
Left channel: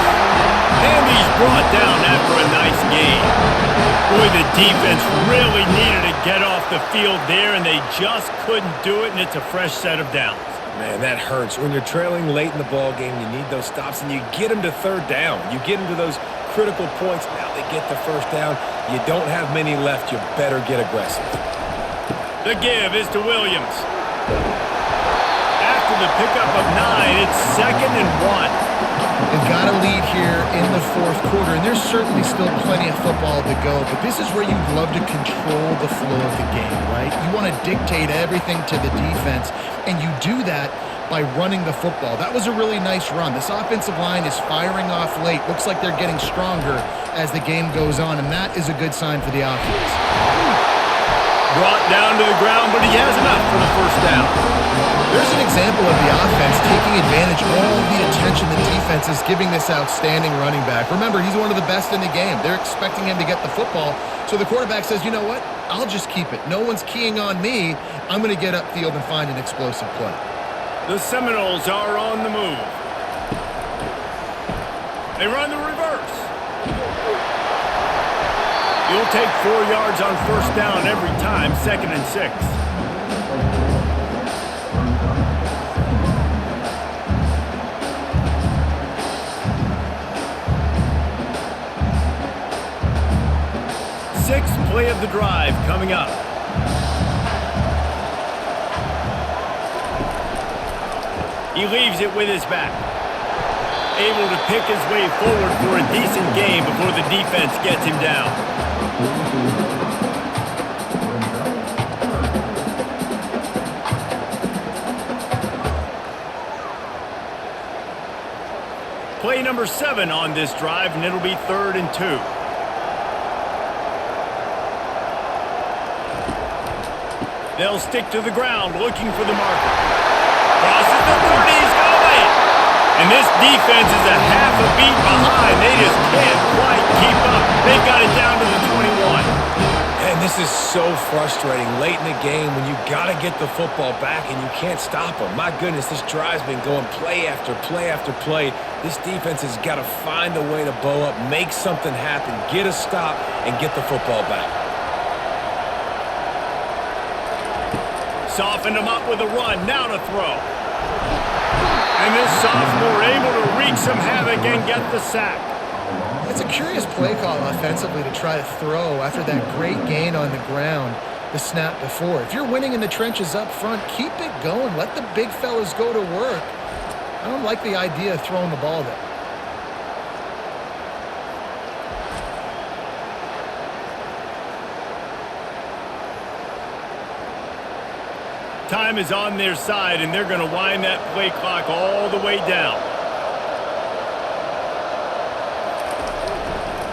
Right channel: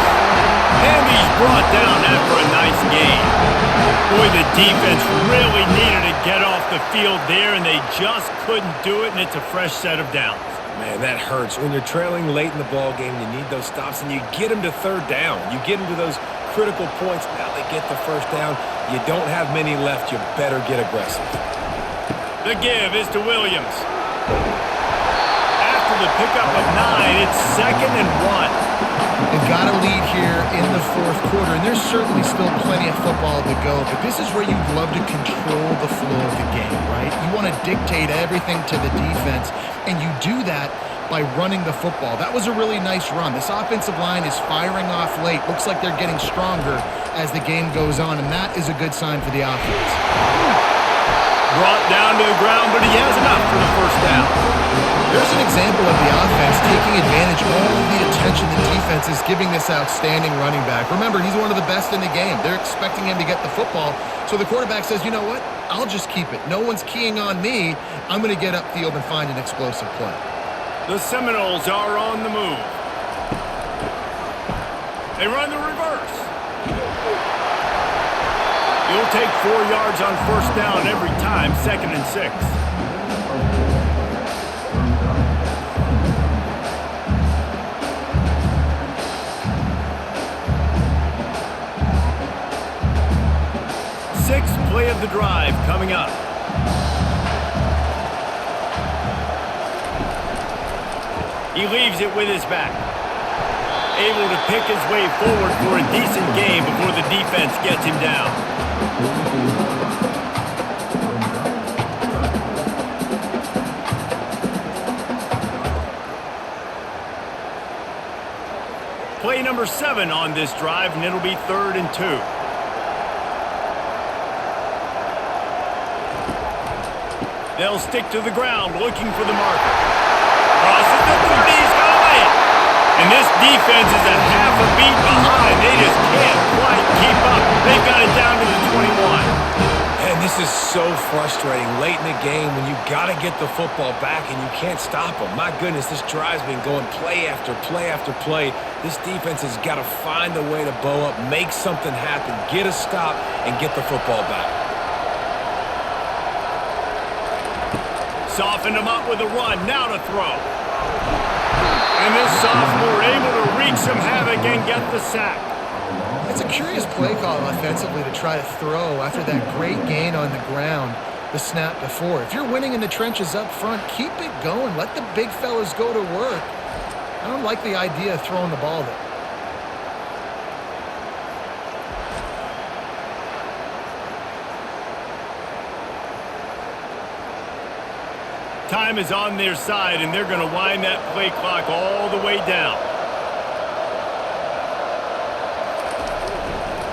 And he's brought down after a nice gain. Boy, the defense really needed to get off the field there, and they just couldn't do it, and it's a fresh set of downs. Man, that hurts. When you're trailing late in the ball game, you need those stops, and you get them to third down. You get them to those critical points. Now they get the first down. You don't have many left. You better get aggressive. The give is to Williams. After the pickup of 9, it's 2nd and 1. They've got a lead here in the fourth quarter, and there's certainly still plenty of football to go, but this is where you'd love to control the flow of the game, right? You want to dictate everything to the defense, and you do that by running the football. That was a really nice run. This offensive line is firing off late. Looks like they're getting stronger as the game goes on, and that is a good sign for the offense. Brought down to the ground, but he has enough for the first down. There's an example of the offense taking advantage of all the attention the defense is giving this outstanding running back. Remember, he's one of the best in the game. They're expecting him to get the football, so the quarterback says, you know what? I'll just keep it. No one's keying on me. I'm going to get upfield and find an explosive play. The Seminoles are on the move. They run the reverse. You'll take 4 yards on first down every time, 2nd and 6. Sixth play of the drive coming up. He leaves it with his back. Able to pick his way forward for a decent gain before the defense gets him down. Play number 7 on this drive, and it'll be 3rd and 2. They'll stick to the ground looking for the marker. Crosses the 30, he's got a lane. And this defense is a half a beat behind. They just can't quite keep up. They've got it down to the 21. And this is so frustrating late in the game when you got to get the football back and you can't stop them. My goodness, this drive's been going play after play after play. This defense has got to find a way to bow up, make something happen, get a stop, and get the football back. Softened him up with a run, now to throw. And this sophomore able to wreak some havoc and get the sack. It's a curious play call offensively to try to throw after that great gain on the ground the snap before. If you're winning in the trenches up front, keep it going. Let the big fellas go to work. I don't like the idea of throwing the ball there. Time is on their side, and they're going to wind that play clock all the way down.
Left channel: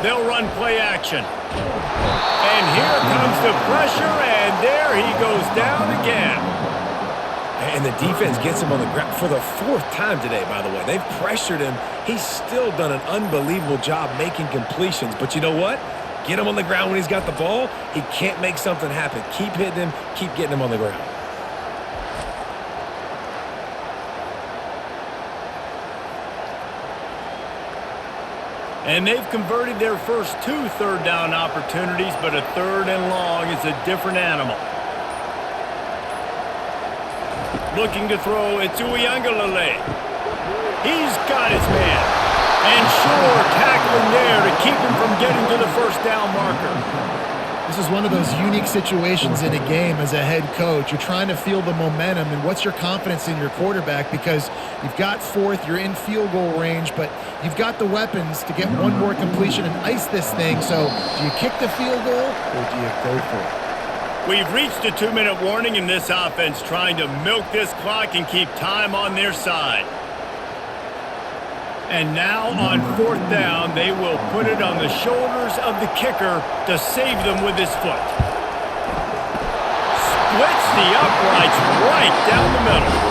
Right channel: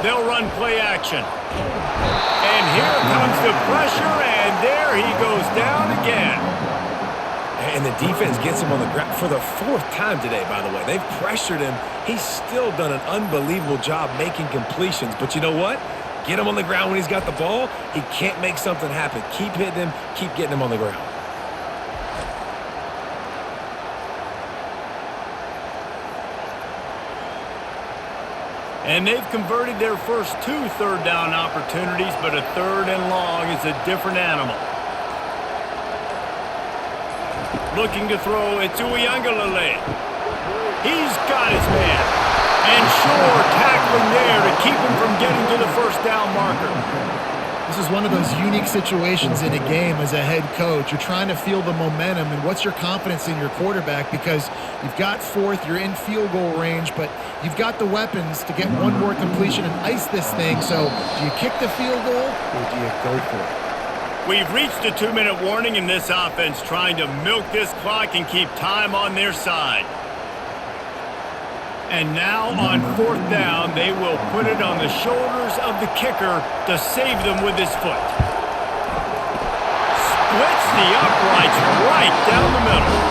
They'll run play action. And here comes the pressure, and there he goes down again. And the defense gets him on the ground for the fourth time today, by the way. They've pressured him. He's still done an unbelievable job making completions. But you know what? Get him on the ground when he's got the ball. He can't make something happen. Keep hitting him. Keep getting him on the ground. And they've converted their first 2 third down opportunities, but a 3rd and long is a different animal. Looking to throw, it's Uiagalelei. He's got his man. And sure, tackling there to keep him from getting to the first down marker. This is one of those unique situations in a game as a head coach. You're trying to feel the momentum, and what's your confidence in your quarterback, because you've got 4th, you're in field goal range, but you've got the weapons to get one more completion and ice this thing. So do you kick the field goal or do you go for it? We've reached a 2-minute warning in this offense, trying to milk this clock and keep time on their side. And now on 4th down, they will put it on the shoulders of the kicker to save them with his foot. Splits the uprights right down the middle.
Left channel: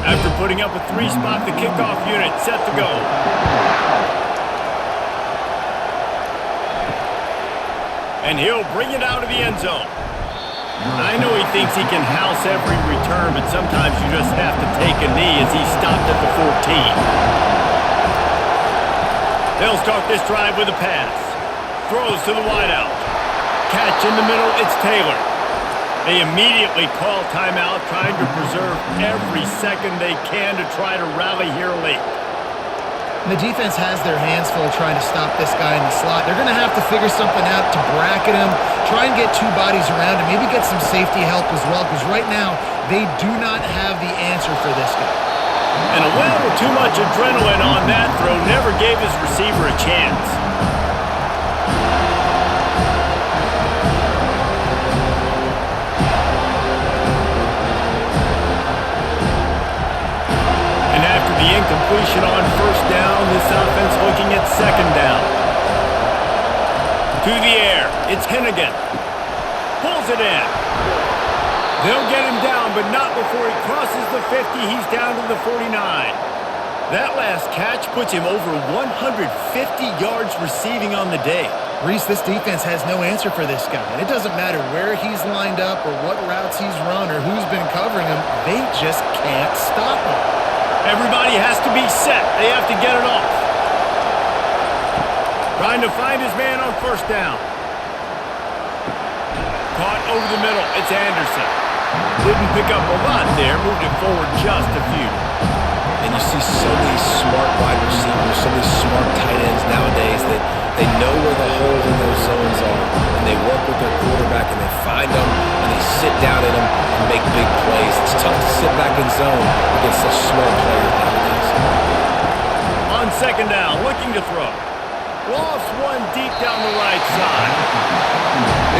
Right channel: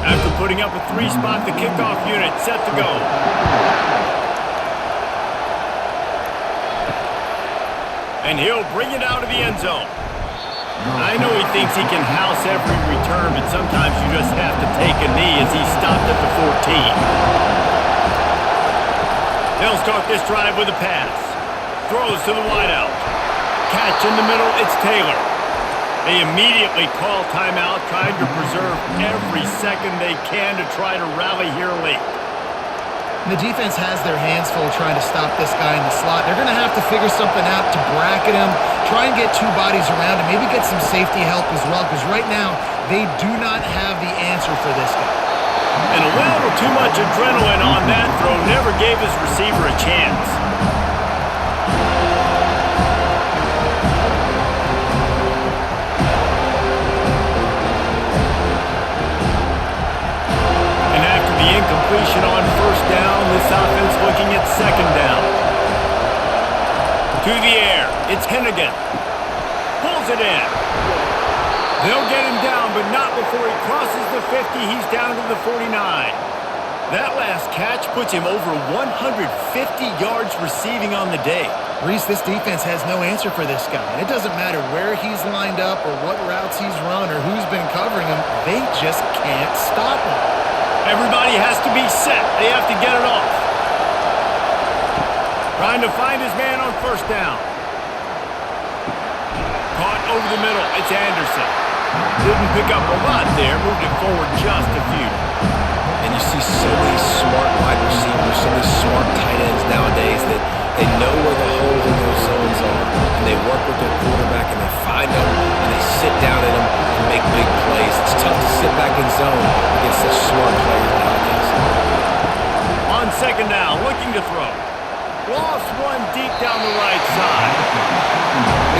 After putting up a 3-spot, the kickoff unit set to go. And he'll bring it out of the end zone. I know he thinks he can house every return, but sometimes you just have to take a knee as he stopped at the 14. They'll start this drive with a pass. Throws to the wideout. Catch in the middle, it's Taylor. They immediately call timeout, trying to preserve every second they can to try to rally here late. And the defense has their hands full trying to stop this guy in the slot. They're going to have to figure something out to bracket him, try and get 2 bodies around him, maybe get some safety help as well, because right now they do not have the answer for this guy. And a little too much adrenaline on that throw never gave his receiver a chance. And after the incompletion on 1st down, this offense looking at 2nd down. To the air, it's Hennigan. Pulls it in. They'll get him down, but not before he crosses the 50. He's down to the 49. That last catch puts him over 150 yards receiving on the day. Reese, this defense has no answer for this guy. And it doesn't matter where he's lined up or what routes he's run or who's been covering him. They just can't stop him. Everybody has to be set. They have to get it off. Trying to find his man on 1st down. Caught over the middle. It's Anderson. Didn't pick up a lot there. Moved it forward just a few. And you see so many smart wide receivers, so many smart tight ends nowadays that they know where the holes in those zones are, and they work with their quarterback, and they find them, and they sit down in them and make big plays. It's tough to sit back in zone against such smart players nowadays. On 2nd down, looking to throw. Lofts one deep down the right side.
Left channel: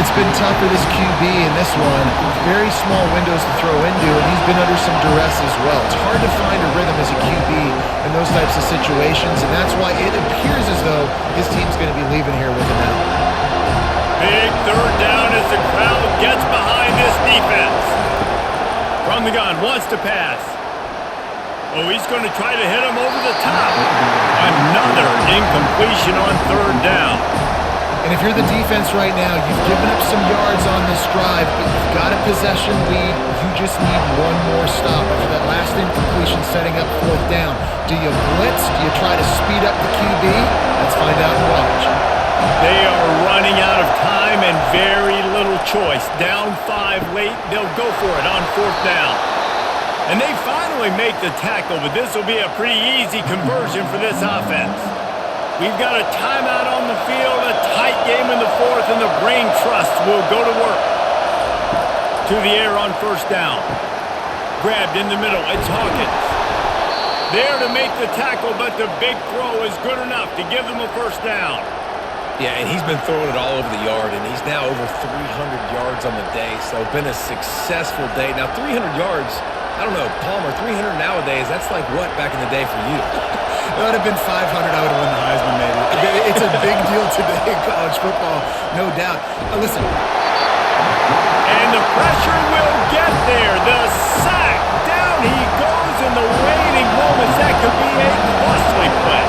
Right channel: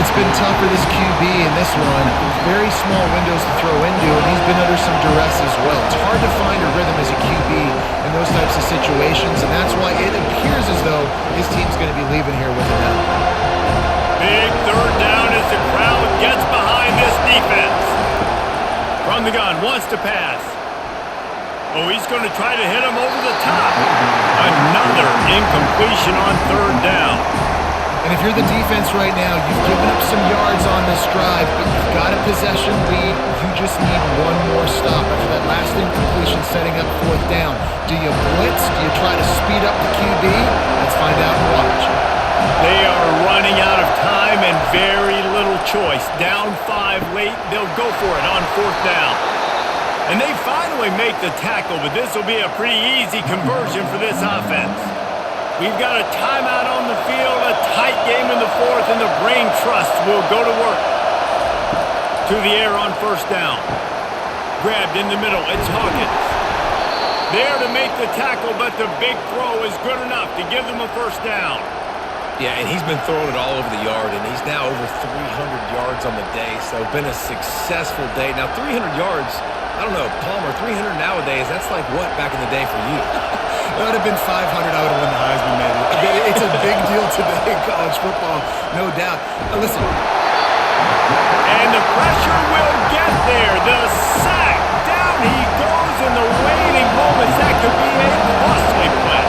It's been tough for this QB in this one. Very small windows to throw into, and he's been under some duress as well. It's hard to find a rhythm as a QB in those types of situations, and that's why it appears as though his team's going to be leaving here with an out. Big 3rd down as the crowd gets behind this defense. From the gun, wants to pass. Oh, he's going to try to hit him over the top. Another incompletion on 3rd down. And if you're the defense right now, you've given up some yards on this drive, but you've got a possession lead. You just need one more stop after that last incompletion setting up 4th down. Do you blitz? Do you try to speed up the QB? Let's find out and watch. They are running out of time and very little choice. Down 5 late, they'll go for it on 4th down. And they finally make the tackle, but this will be a pretty easy conversion for this offense. We've got a timeout on the field, a tight game in the fourth, and the brain trust will go to work. To the air on first down. Grabbed in the middle, it's Hawkins. There to make the tackle, but the big throw is good enough to give them a first down. Yeah, and he's been throwing it all over the yard, and he's now over 300 yards on the day, so been a successful day. Now, 300 yards, I don't know, Palmer, 300 nowadays, that's like what back in the day for you? That would have been 500. I would have won the Heisman, maybe. It's a big deal today in college football, no doubt. Listen. And the pressure will get there. The sack. Down he goes in the waning moments. That could be a costly play.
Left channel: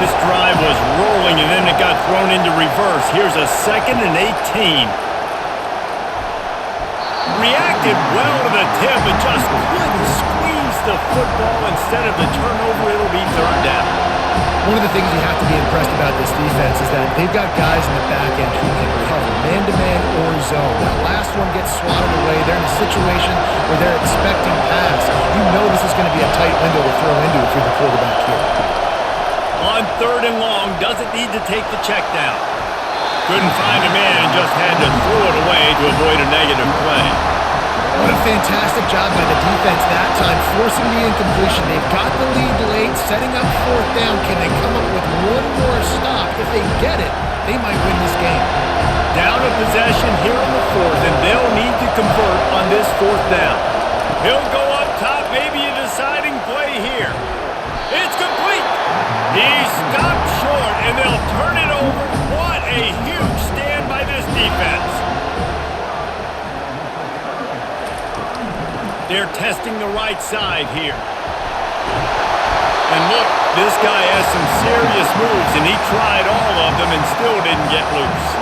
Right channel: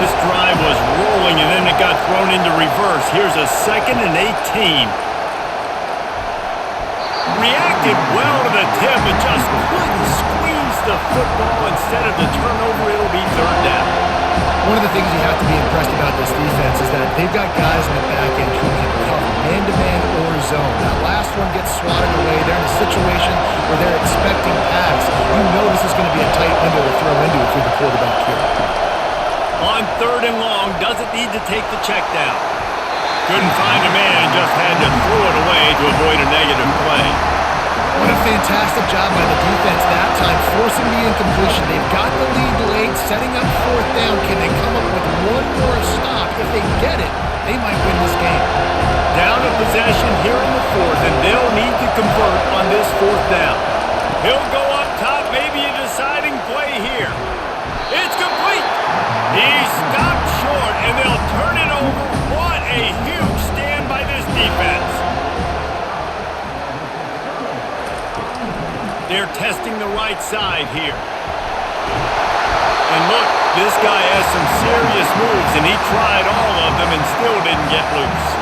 This drive was rolling, and then it got thrown into reverse. Here's a 2nd and 18. Reacted well to the tip, but just couldn't squeeze the football. Instead of the turnover, it'll be 3rd down. One of the things you have to be impressed about this defense is that they've got guys in the back end who can cover man-to-man or zone. That last one gets swatted away. They're in a situation where they're expecting pass. You know this is going to be a tight window to throw into if you're the quarterback here. On 3rd and long, doesn't need to take the check down. Couldn't find a man and just had to throw it away to avoid a negative play. What a fantastic job by the defense that time, forcing the incompletion. They've got the lead late, setting up 4th down. Can they come up with one more stop? If they get it, they might win this game. Down a possession here in the 4th, and they'll need to convert on this 4th down. He'll go up top, maybe a deciding play here. It's complete. He stopped short, and they'll turn it over. What a huge stand by this defense. They're testing the right side here. And look, this guy has some serious moves, and he tried all of them and still didn't get loose.